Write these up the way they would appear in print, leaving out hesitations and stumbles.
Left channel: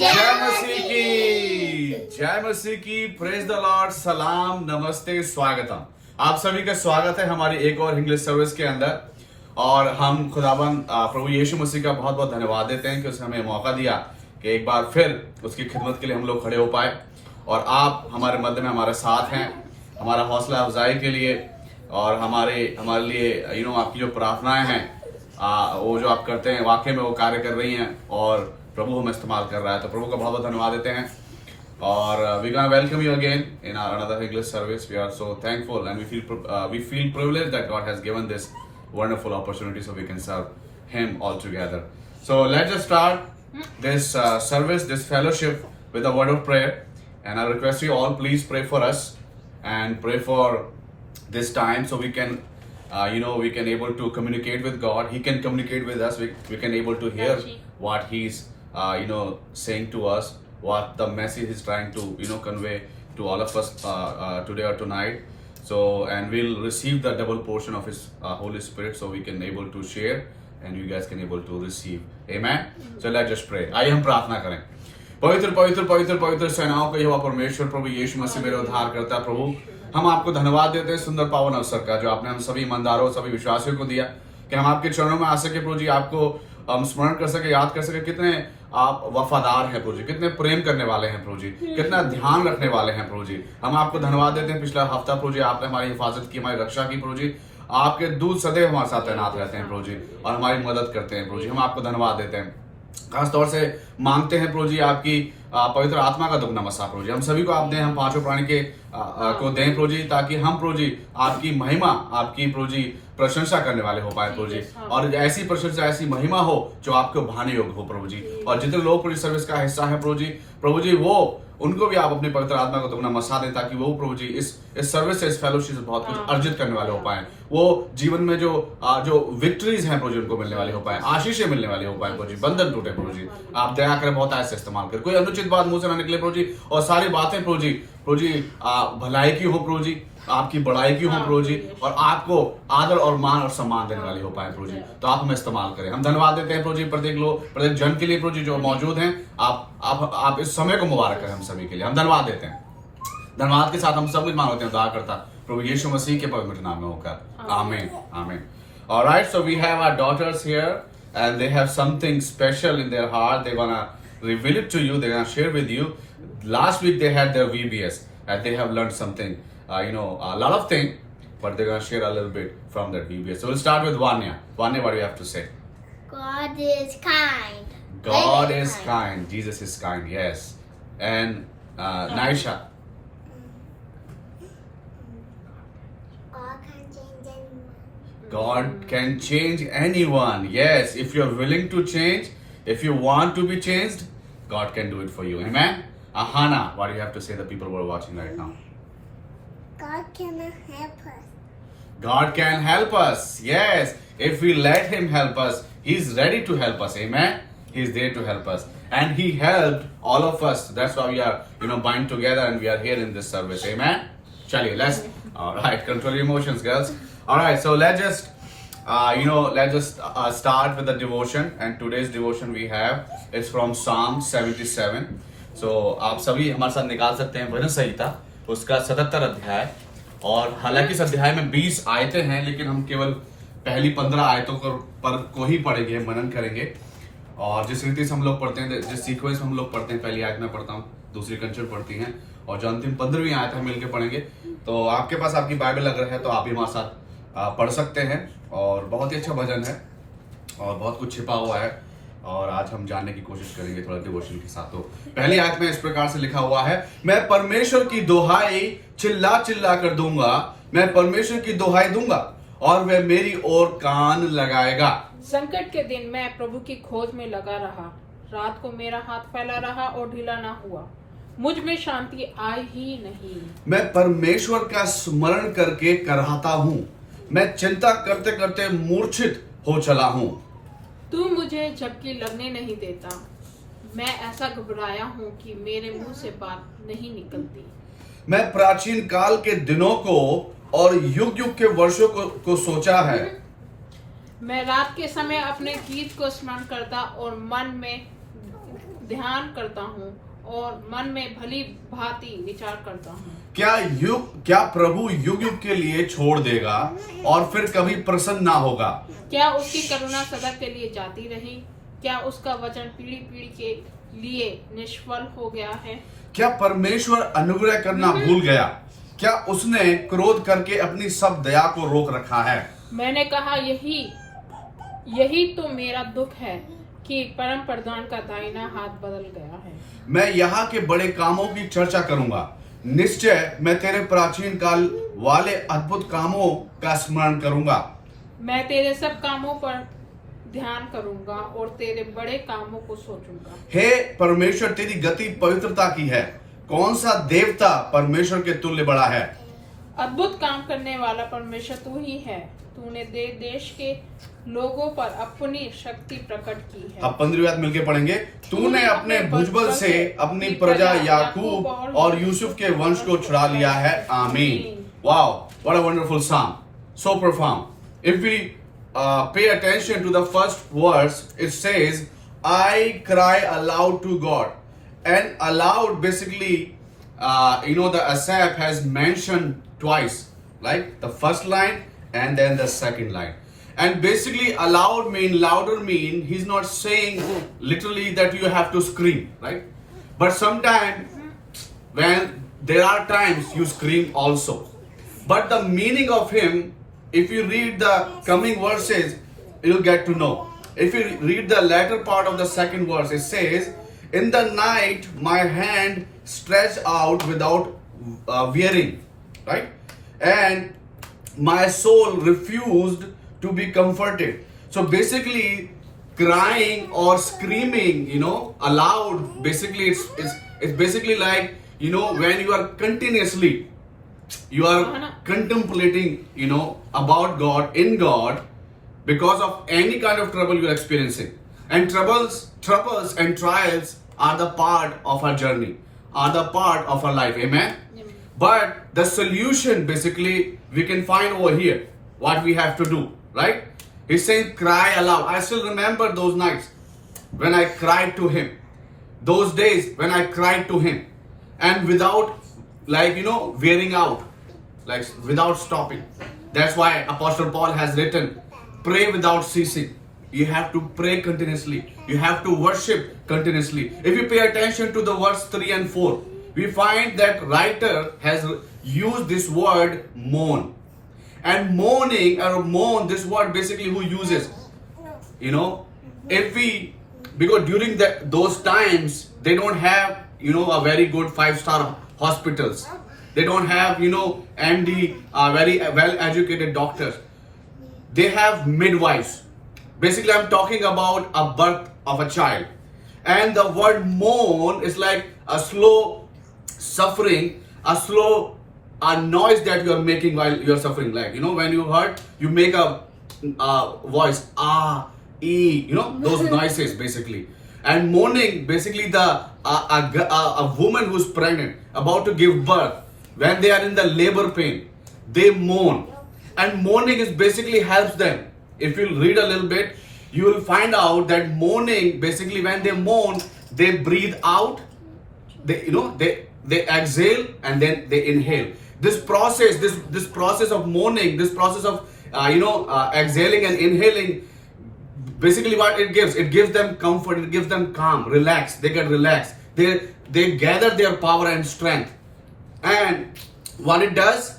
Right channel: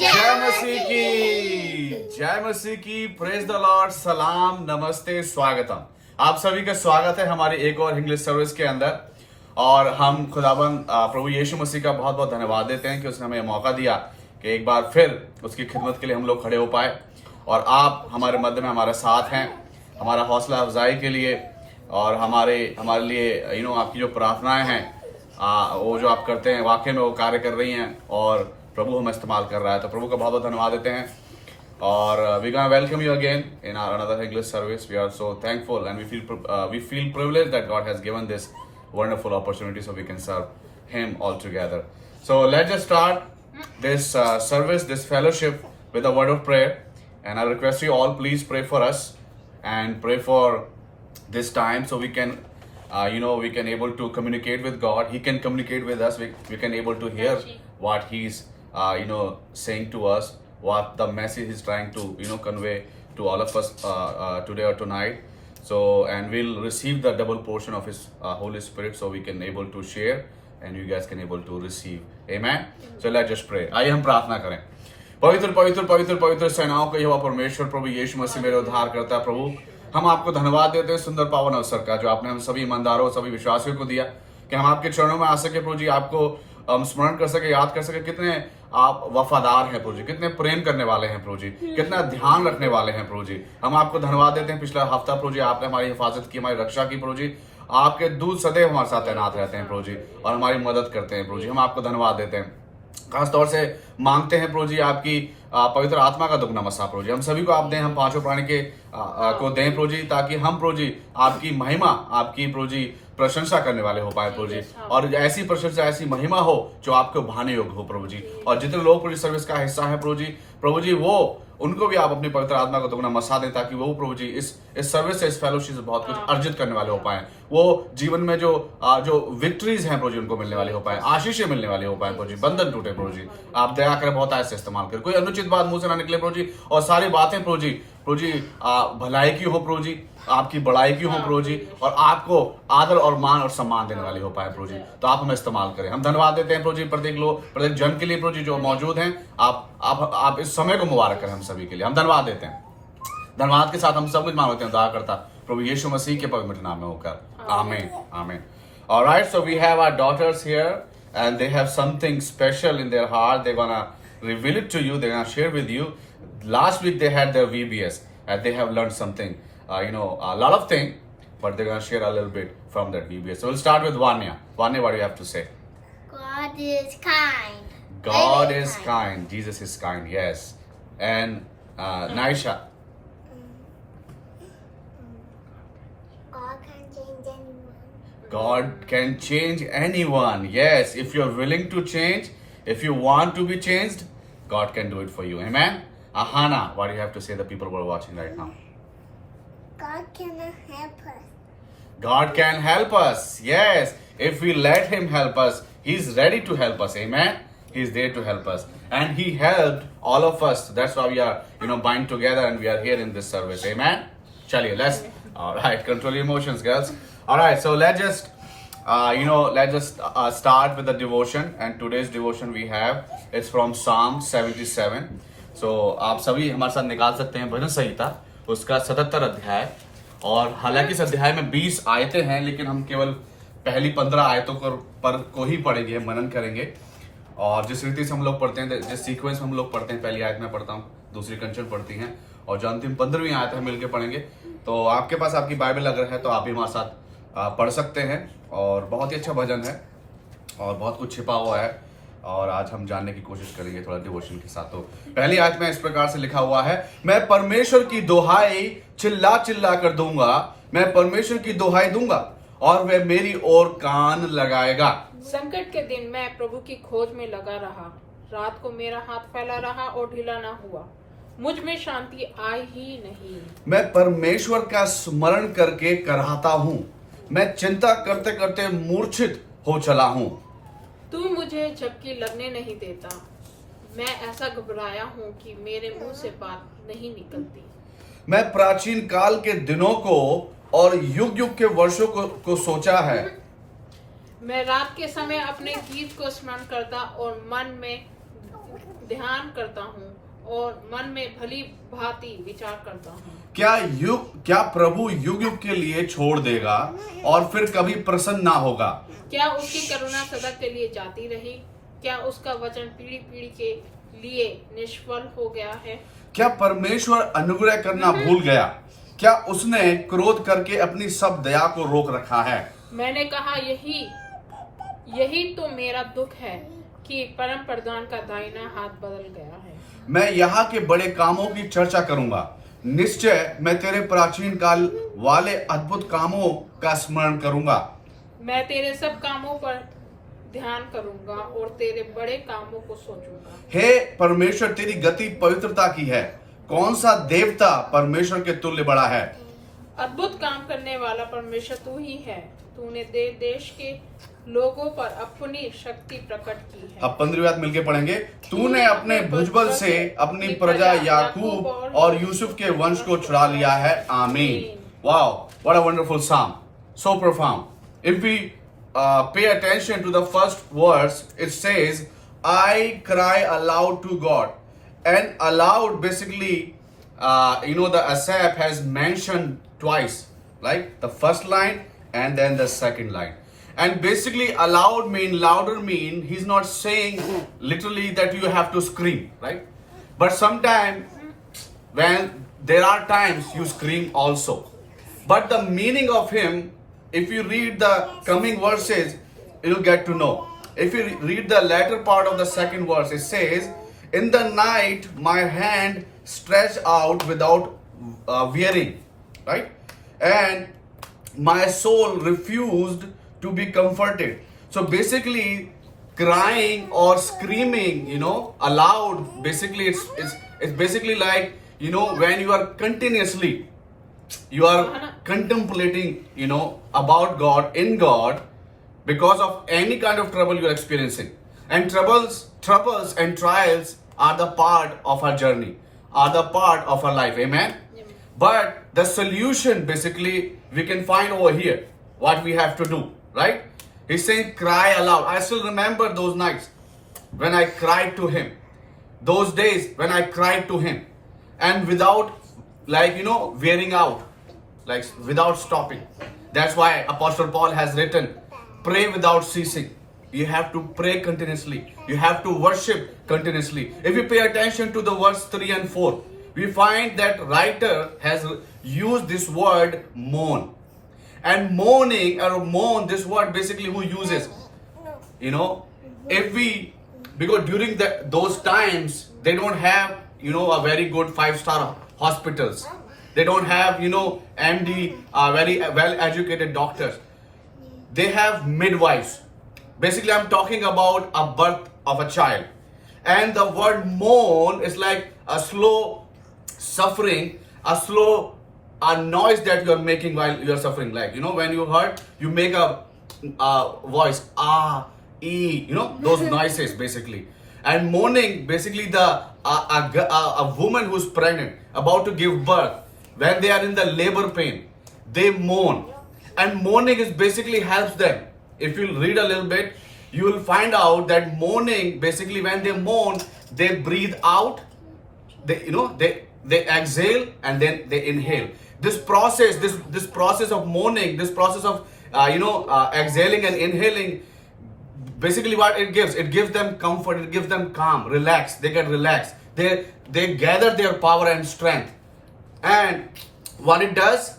जय मसीह की praise the Lord. सलाम, नमस्ते, स्वागतम। आप सभी का स्वागत है हमारी एक और इंग्लिश सर्विस के अंदर। और हम खुदाबंद प्रभु यीशु मसीह का बहुत बहुत धन्यवाद देते हैं कि उसने हमें मौका दिया कि एक बार फिर उसकी खिदमत के लिए हम लोग खड़े हो पाए और आप हमारे मध्य में हमारे साथ हैं, हमारा हौसला अफजाई के लिए और हमारे लिए आपकी जो प्रार्थनाएं हैं वो जो आप करते हैं वाकई में वो कार्य कर रही हैं और प्रभु हमें इस्तेमाल कर रहा है। तो प्रभु का बहुत बहुत धन्यवाद देते हैं और we gonna welcome you again in our another English service. We are so thankful and we feel privileged that God has given this wonderful opportunity so we can serve him all together. So let's just start this service, this fellowship with a word of prayer, and I request you all please pray for us and pray for this time so we can we can able to communicate with God. He can communicate with us. We can able to hear what he's saying to us, what the message he's trying to convey to all of us today or tonight. So and we'll receive the double portion of his Holy Spirit so we can able to share and you guys can able to receive. Amen. So let's just pray. आइए हम प्रार्थना करें। पवित्र पवित्र पवित्र पवित्र सेनाओं का यहोवा परमेश्वर प्रभु यीशु मसीह मेरे उद्धार करता प्रभु, हम आपको धन्यवाद देते हैं सुंदर पावन अवसर का जो आपने हम सभी ईमानदारों सभी विश्वासियों को दिया कि हम आपके चरणों में आ सके प्रभु जी, आपको स्मरण कर सके, याद कर सके कितने आप वफादार हैं प्रभु जी, कितने प्रेम करने वाले हैं प्रभु जी, कितना ध्यान रखने वाले हैं प्रभु जी। हम आपको धन्यवाद देते हैं। पिछला हफ्ता प्रभु जी आपने हमारी हिफाजत की, हमारी रक्षा की प्रभु जी। आपके दूत सदैव हमारे साथ तैनात रहते हैं प्रभु जी और हमारी मदद करते हैं प्रभु जी। हम आपको धन्यवाद देते हैं, खास तौर से मांगते हैं प्रभु जी आपकी पवित्र आत्मा का दुगना मसा प्रभु जी हम सभी को आप दें, हम पांचों प्राणी के को दें प्रभु जी, ताकि हम प्रभु जी आपकी महिमा आपकी प्रभु जी प्रशंसा करने वाले हो पाए प्रभु जी, और ऐसी प्रशंसा ऐसी महिमा हो जो आपको भाने योग्य हो प्रभु जी। और जितने लोग प्रभु सर्विस का हिस्सा है प्रभु जी वो उनको भी आप अपनी पवित्र आत्मा को दुगना मसा दें ताकि वो प्रभु जी इस सर्विस से इस फेलोशिप से बहुत कुछ अर्जित करने वाले हो पाए, वो जीवन में जो विक्ट्रीज हैं प्रभु जी उनको मिलने वाले हो पाए, आशीषें मिलने वाले हो पाए प्रभु जी, बंधन टूटे प्रभु जी। आप दया करें, बहुत ऐसे इस्तेमाल करें, कोई अनुचित बात मुंह से ना निकले प्रभु जी, और सारी बातें प्रभु जी भलाई की हो प्रभु जी, आपकी बड़ाई की हो प्रभु जी, और आपको आदर और मान और सम्मान देने वाली हो पाए प्रभु जी। तो आप हमें इस्तेमाल करें। हम धन्यवाद देते हैं प्रभु जी प्रत्येक जन के लिए प्रभु जी जो मौजूद हैं। आप इस समय को मुबारक करें हम सभी के लिए। हम धन्यवाद देते हैं। धन्यवाद के साथ हम सब कुछ मानते हैं उद्धारकर्ता प्रभु यीशु मसीह के पवित्र नाम में होकर, आमीन आमीन। Alright, so we have our daughters here and they have something special in their heart. They're gonna reveal it to you. They're gonna share with you. Last week they had their VBS and they have learned something, a lot of things, but they're gonna share a little bit from that VBS. So we'll start with Vanya. Vanya, what do you have to say? God is kind. God is kind. Jesus is kind. Yes. And Naisha. God can change anyone. Yes, if you're willing to change, if you want to be changed, God can do it for you. Amen. Ahana, what do you have to say to the people who are watching right now? God can help us. God can help us. Yes, if we let Him help us, He's ready to help us. Amen. He's there to help us, and He helped all of us. That's why we are, bind together, and we are here in this service. Amen. Chaliye, let's. All right, control your emotions, girls. All right, so let's just, start with the devotion. And today's devotion we have is from Psalm 77. So आप सभी हमारे साथ निकाल सकते हैं भजन संहिता उसका 77 अध्याय। और हालांकि इस अध्याय में 20 आयतें हैं, लेकिन हम केवल पहली 15 आयतों को ही पढ़ेंगे, मनन करेंगे। और जिस रीति से हम लोग पढ़ते हैं, जिस सीक्वेंस में हम लोग पढ़ते हैं, पहली आयत में पढ़ता हूँ, दूसरी कंचन पढ़ती हैं और जो अंतिम 15वीं आयत है मिलकर पढ़ेंगे। तो आपके पास आपकी बाइबल अगर है तो आप भी हमारे साथ पढ़ सकते हैं। और बहुत ही अच्छा भजन है और बहुत कुछ छिपा हुआ है और आज हम जानने की कोशिश करेंगे थोड़ा डिवोशन के साथ। तो पहली आयत में इस प्रकार से लिखा हुआ है, मैं परमेश्वर की दोहाई चिल्ला चिल्ला कर दूंगा, मैं परमेश्वर की दोहाई दूंगा और वह मेरी ओर कान लगाएगा। संकट के दिन मैं प्रभु की खोज में लगा रहा, रात को मेरा हाथ फैला रहा और ढीला ना हुआ, मुझ में शांति आई ही नहीं। मैं परमेश्वर का स्मरण करके कराहता हूँ, मैं चिंता करते करते मूर्छित हो चला हूँ। तू मुझे झपकी लगने नहीं देता, मैं ऐसा घबराया हूँ कि मेरे मुंह से बात नहीं निकलती। मैं प्राचीन काल के दिनों को और युग युग के वर्षों को सोचा है। मैं रात के समय अपने गीत को स्मरण करता और मन में ध्यान करता हूँ और मन में भली भांति विचार करता हूँ। क्या प्रभु युग युग के लिए छोड़ देगा और फिर कभी प्रसन्न ना होगा? क्या उसकी करुणा सदा के लिए जाती रही? क्या उसका वचन पीढ़ी पीढ़ी के लिए निष्फल हो गया है? क्या परमेश्वर अनुग्रह करना भूल गया? क्या उसने क्रोध करके अपनी सब दया को रोक रखा है? मैंने कहा यही तो मेरा दुख है कि परम प्रधान का दाहिना हाथ बदल गया है। मैं यहाँ के बड़े कामों की चर्चा करूंगा। निश्चय मैं तेरे प्राचीन काल वाले अद्भुत कामों का स्मरण करूंगा। मैं तेरे सब कामों पर ध्यान करूंगा और तेरे बड़े कामों को सोचूंगा। हे परमेश्वर, तेरी गति पवित्रता की है। कौन सा देवता परमेश्वर के तुल्य बड़ा है? अद्भुत काम करने वाला परमेश्वर तू ही है। तूने देश के लोगों पर अपनी शक्ति प्रकट की है। अब 15वीं बात मिलके पढ़ेंगे। तूने अपने भुजबल से अपनी प्रजा याकूब और यूसुफ के वंश को छुड़ा लिया है। आमीन। Wow, what a wonderful song, so profound. If we pay attention to the first verse, it says, I cry aloud to God. And aloud basically, the Asaph has mentioned twice, like the first line and then the second line. And basically louder mean, he's not saying literally that you have to scream, right? But sometimes when there are times you scream also. But the meaning of him, if you read the coming verses, you'll get to know. If you read the latter part of the second verse, it says, in the night my hand stretched out without wearing, right? And my soul refused to be comforted. So basically, crying or screaming, aloud, basically it's basically like, when you are continuously, you are contemplating, about God, in God, because of any kind of trouble you are experiencing. And troubles and trials are the part of our journey, are the part of our life. Amen? Amen. But the solution, basically, we can find over here, what we have to do, right? He's saying, cry aloud. I still remember those nights when I cried to him. Those days when I cried to him. And without, wearing out, like without stopping. That's why Apostle Paul has written, pray without ceasing. You have to pray continuously. You have to worship continuously. If you pay attention to the verse 3 and 4, we find that writer has used this word moan. And moaning or moan, this word basically who uses? Because during those times, they don't have, a very good 5-star hospitals. They don't have, MD, very well-educated doctors. They have midwives. Basically, I'm talking about a birth of a child. And the word moan is like a slow suffering, a noise that you are making while you are suffering. Like, when you hurt, you make a voice, e, those noises basically. And moaning, basically a woman who's pregnant, about to give birth, when they are in the labor pain, they moan. And moaning is basically helps them. If you read a little bit, you will find out that moaning, basically when they moan, they breathe out, they exhale and then they inhale. This process of moaning, this process of exhaling and inhaling, basically what it gives them comfort, it gives them calm, relax. They get relaxed. They gather their power and strength. And what it does,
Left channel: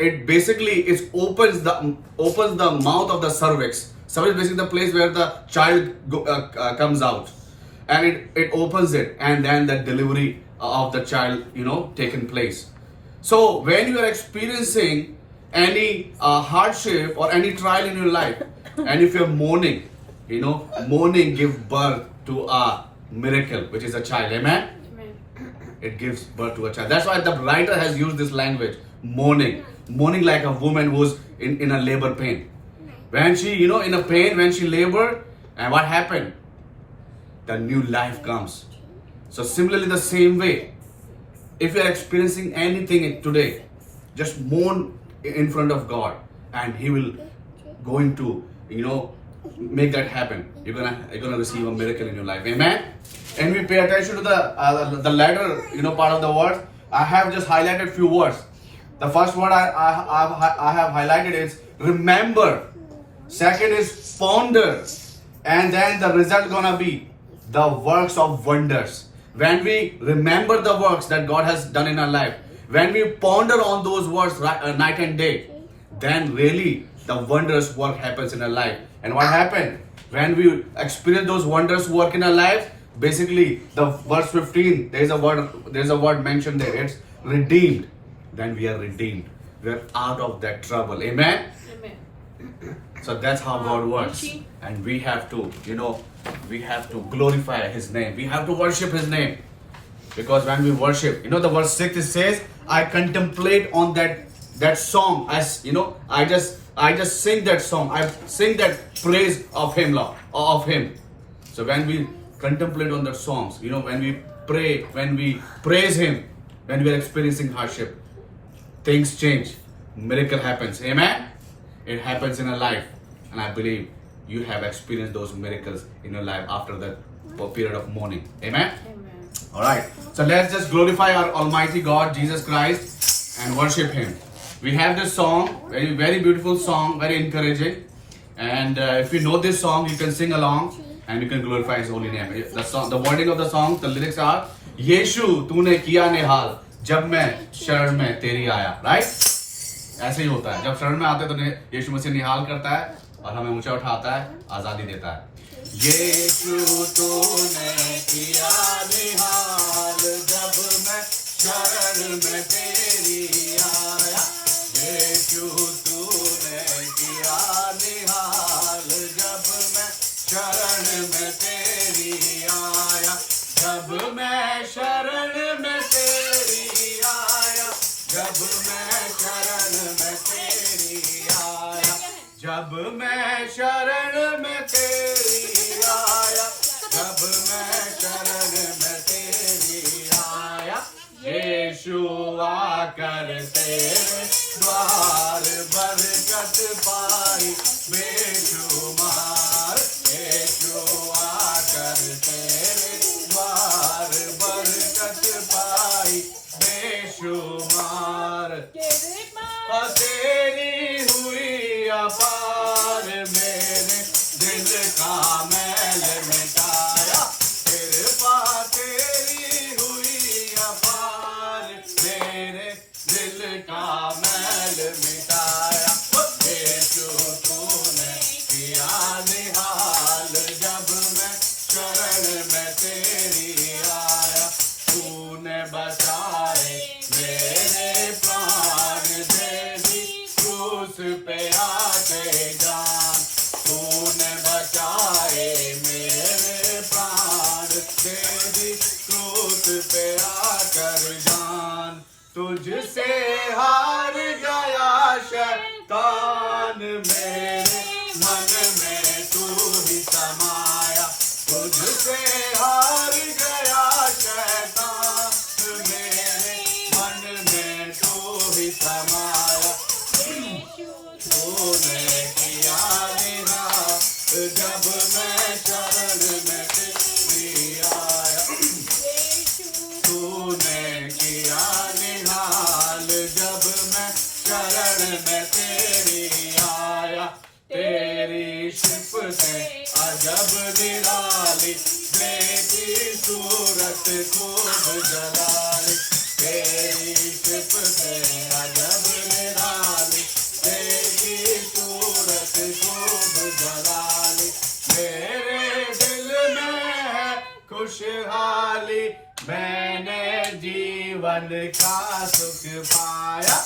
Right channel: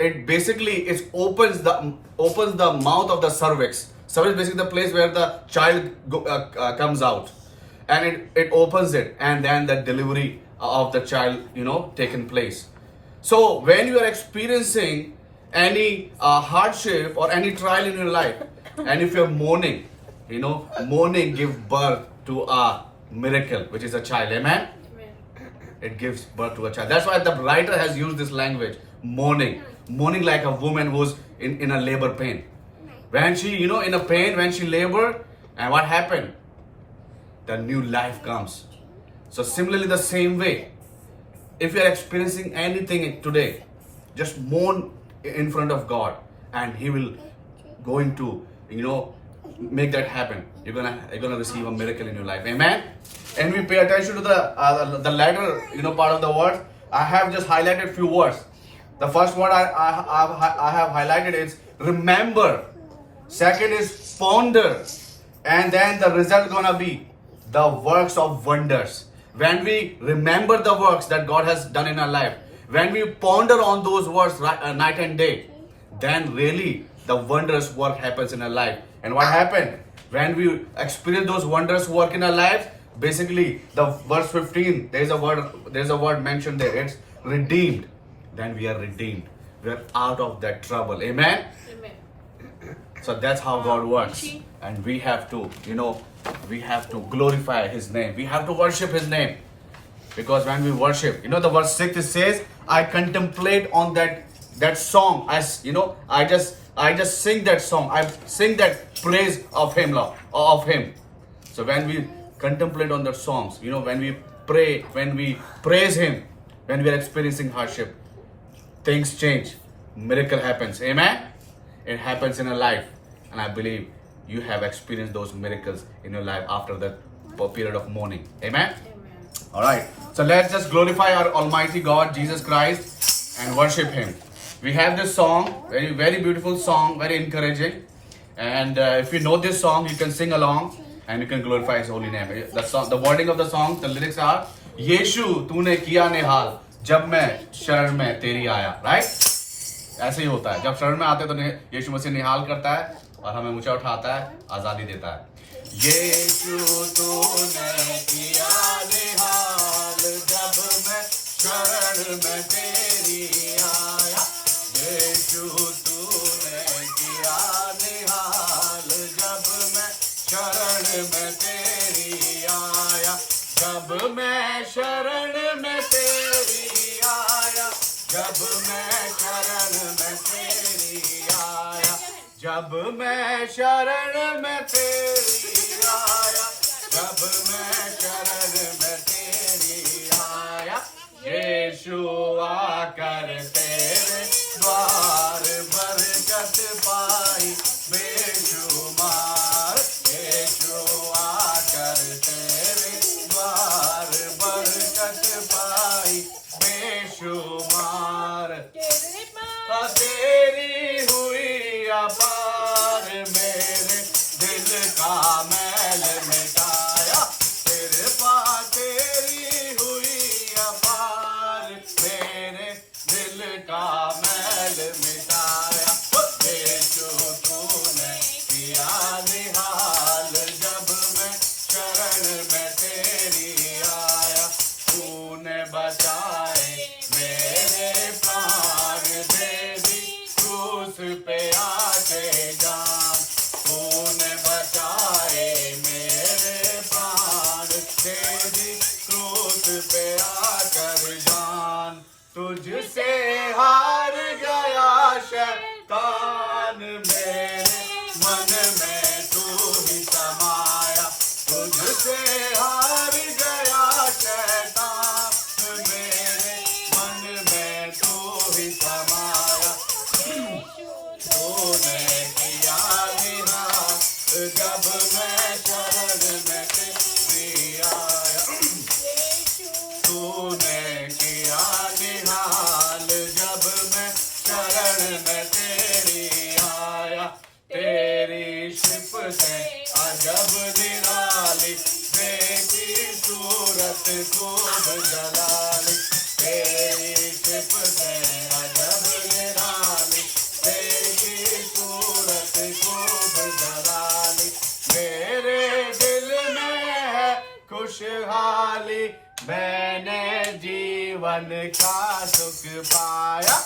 it basically opens the mouth of the cervix. Cervix is basically the place where the child comes out, and it opens it, and then the delivery of the child taken place. So when you are experiencing any hardship or any trial in your life, and if you're moaning, moaning gives birth to a miracle, which is a child. Amen? Amen. It gives birth to a child. That's why the writer has used this language, moaning like a woman who's in a labor pain. When she, in a pain, when she labored, and what happened? The new life comes. So similarly, the same way, if you are experiencing anything today, just moan in front of God, and He will going to, make that happen. You're gonna receive a miracle in your life. Amen. and we pay attention to the letter, part of the word, I have just highlighted few words. The first word I have highlighted is remember. Second is ponder, and then the result gonna be the works of wonders. When we remember the works that God has done in our life, when we ponder on those words night and day, then really the wondrous work happens in our life. And what happened? When we experience those wondrous work in our life, basically the verse 15, there's a word mentioned there. It's redeemed. Then we are redeemed. We are out of that trouble. Amen? Amen. So that's how God works. And we have to, we have to glorify His name. We have to worship His name. Because when we worship, the verse 6 it says, I contemplate on that song. As I just sing that song. I sing that praise of Him. So when we contemplate on the songs, when we pray, when we praise Him, when we are experiencing hardship, things change. Miracle happens. Amen? It happens in a life. And I believe you have experienced those miracles in your life after the period of mourning. Amen? Amen. Alright. So let's just glorify our Almighty God, Jesus Christ, and worship Him. We have this song, very, very beautiful song, very encouraging. And if you know this song, you can sing along and you can glorify His holy name. The wording of the song, the lyrics are, यीशु तूने किया निहाल जब मैं शरण में तेरी आया. Right? ऐसे ही होता है. जब शरण में आते हैं तो यीशु मसीह निहाल करता है और हमें ऊंचा उठाता है, आजादी देता है. यीशु तूने किया निहाल जब मैं शरण में तेरी आया. यीशु तूने किया निहाल जब मैं शरण में तेरी आया. जब मैं शरण में तेरी आया. जब मैं शरण में तेरी आया. जब मैं शरण में तेरी आया. जब मैं शरण में तेरी आया. यीशु आकर तेरे द्वार बरकत पाई बेशुमार. यीशु आकर तेरे द्वार बरकत पाई बेशुमार. तेरी हुई अपार मेरे दिल का मैल मिटाया. कृपा तेरी हुई अपार मेरे दिल का मैल मिटाया. यीशु तूने किया निहाल जब मैं शरण में तेरी आया. तूने बचाए मेरे प्राण दे दी क्रूस पे आके जान. तूने बचाए मेरे प्राण दे दी क्रूस पे आकर जान. तुझसे हार गया शैतान मेरे मन में तू ही समाया. तुझसे हार गया शैतान मेरे मन में तू ही समाया. तूने किया निहाल जब मैं शरण में तेरी आया. तूने किया निहाल जब मैं शरण में तेरी आया. तेरी शिप से अजब निराली देखी सूरत खूब जलाली. तेरी शिप से अजब निराली देखी सूरत खूब जलाली. मेरे दिल में है खुशहाली मैंने जीवन का सुख पाया.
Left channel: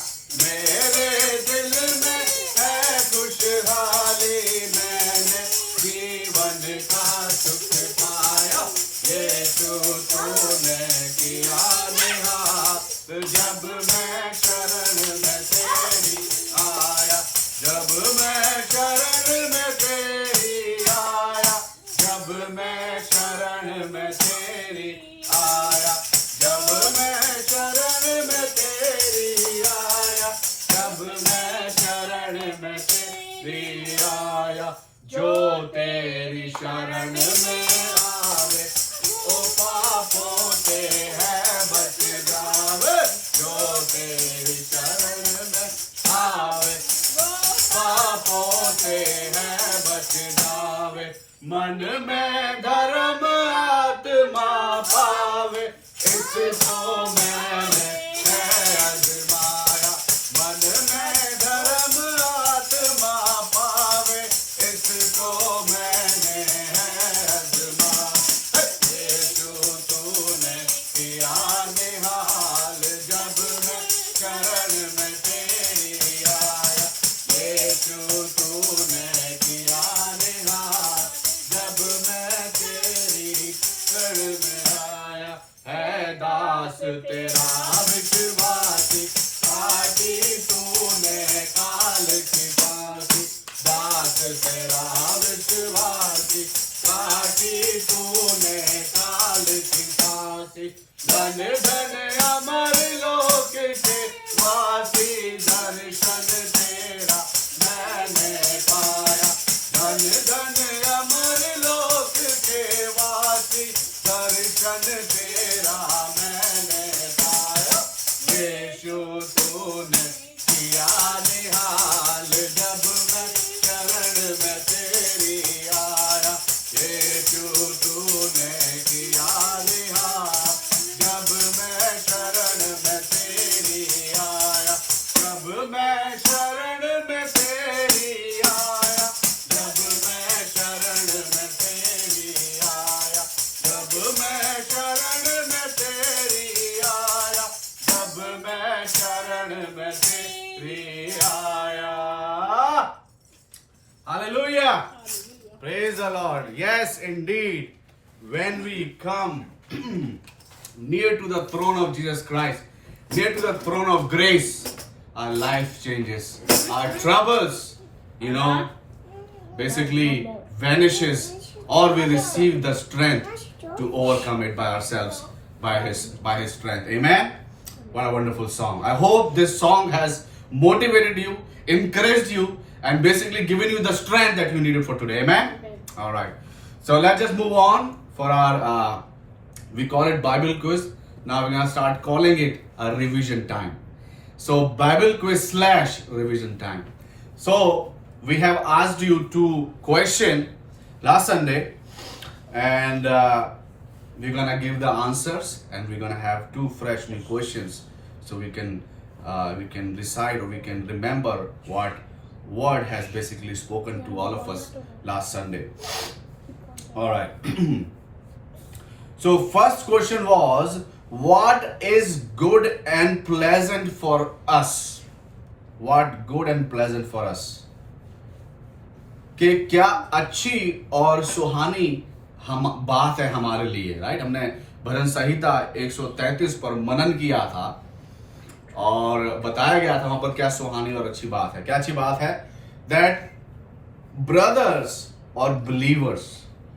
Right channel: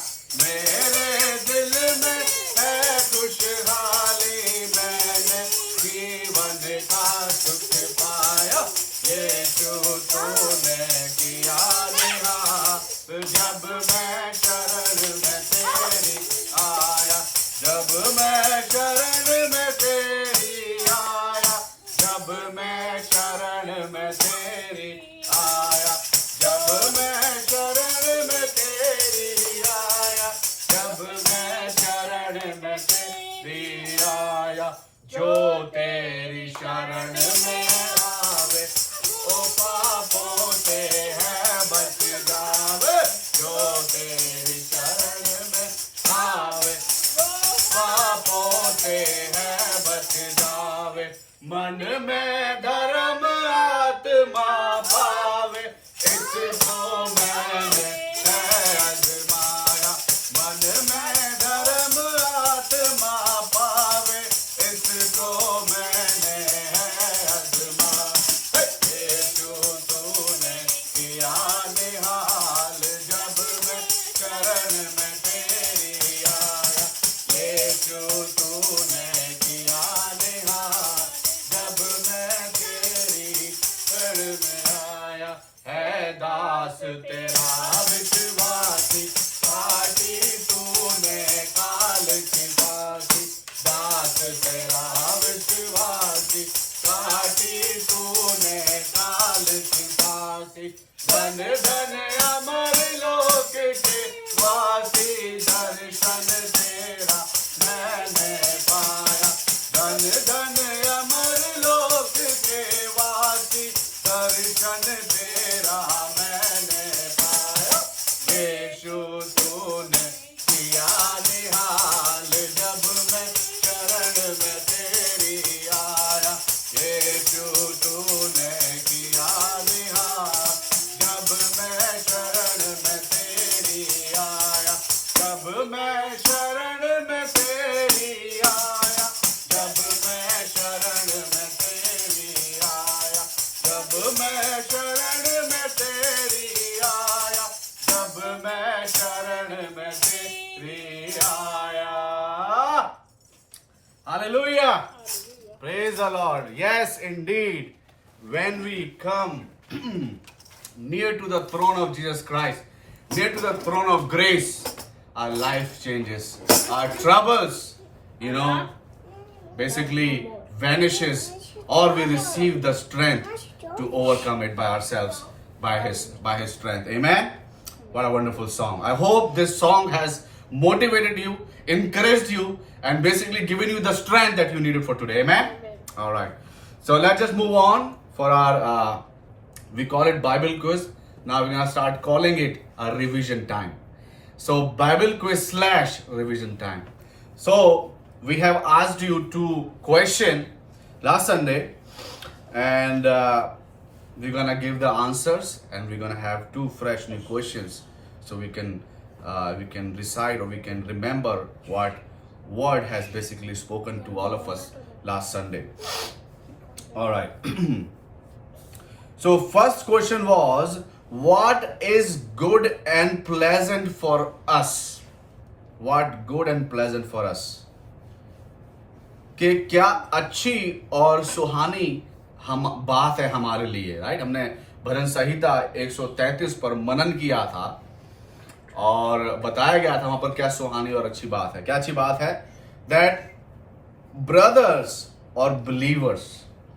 मेरे दिल में है खुशहाली मैंने जीवन का सुख पाया. यीशु तूने किया निहाल जब मैं शरण में तेरी आया. जब मैं शरण में तेरी आया. जब मैं शरण में तेरी आया. जब मैं शरण में तेरी आया. जब मैं शरण में तेरी आया. जो तेरी शरण में आवे ओ मन में धर्म आत्मा पावे, इसको मैंने आजमाया। मन में धर्म आत्मा पावे, इसको मैंने आजमाया। यीशु तूने किया निहाल, जब मैं शरण में तेरी आया। यीशु तूने किया निहाल, जब मैं तेरी शरण में आया। है दास तेरा विश्वासी, पाटी तूने काल की फांसी। दास तेरा विश्वासी, पाटी तूने काल की फांसी। धन धन अमर लोक के वासी, दर्शन तेरा मैंने पाया। धन धन अमर लोक के वासी, दर्शन तेरा मैंने पाया। यीशु तूने किया निहाल, जब मैं शरण में तेरी आया। यीशु तूने किया निहाल, जब मैं शरण में तेरी आया। जब मैं शरण में तेरी आया, जब मैं शरण में तेरी आया। जब मैं शरण में तेरी आया, जब मैं शरण में तेरी आया। Hallelujah. Praise the Lord. Yes, indeed. When we come near to the throne of Jesus Christ, near to the throne of grace, our life changes. Our troubles, basically vanishes, or we receive the strength to overcome it by ourselves, by His strength. Amen. What a wonderful song. I hope this song has motivated you, encouraged you, and basically given you the strength that you needed for today. Amen. All right. So let's just move on for our, we call it Bible quiz. Now we're going to start calling it a revision time. So Bible quiz / revision time. So we have asked you to question last Sunday, and we're going to give the answers, and we're going to have 2 fresh new questions, so we can recite, or we can remember what word has basically spoken to all of us last Sunday. All right. So first question was, what is good and pleasant for us? What good and pleasant for us? कि क्या अच्छी और सुहानी हम बात है हमारे लिए, right? हमने भजन संहिता 133 पर मनन किया था, और बताया गया था वहां पर क्या सुहानी और अच्छी बात है। क्या अच्छी बात है? दैट ब्रदर्स और believers,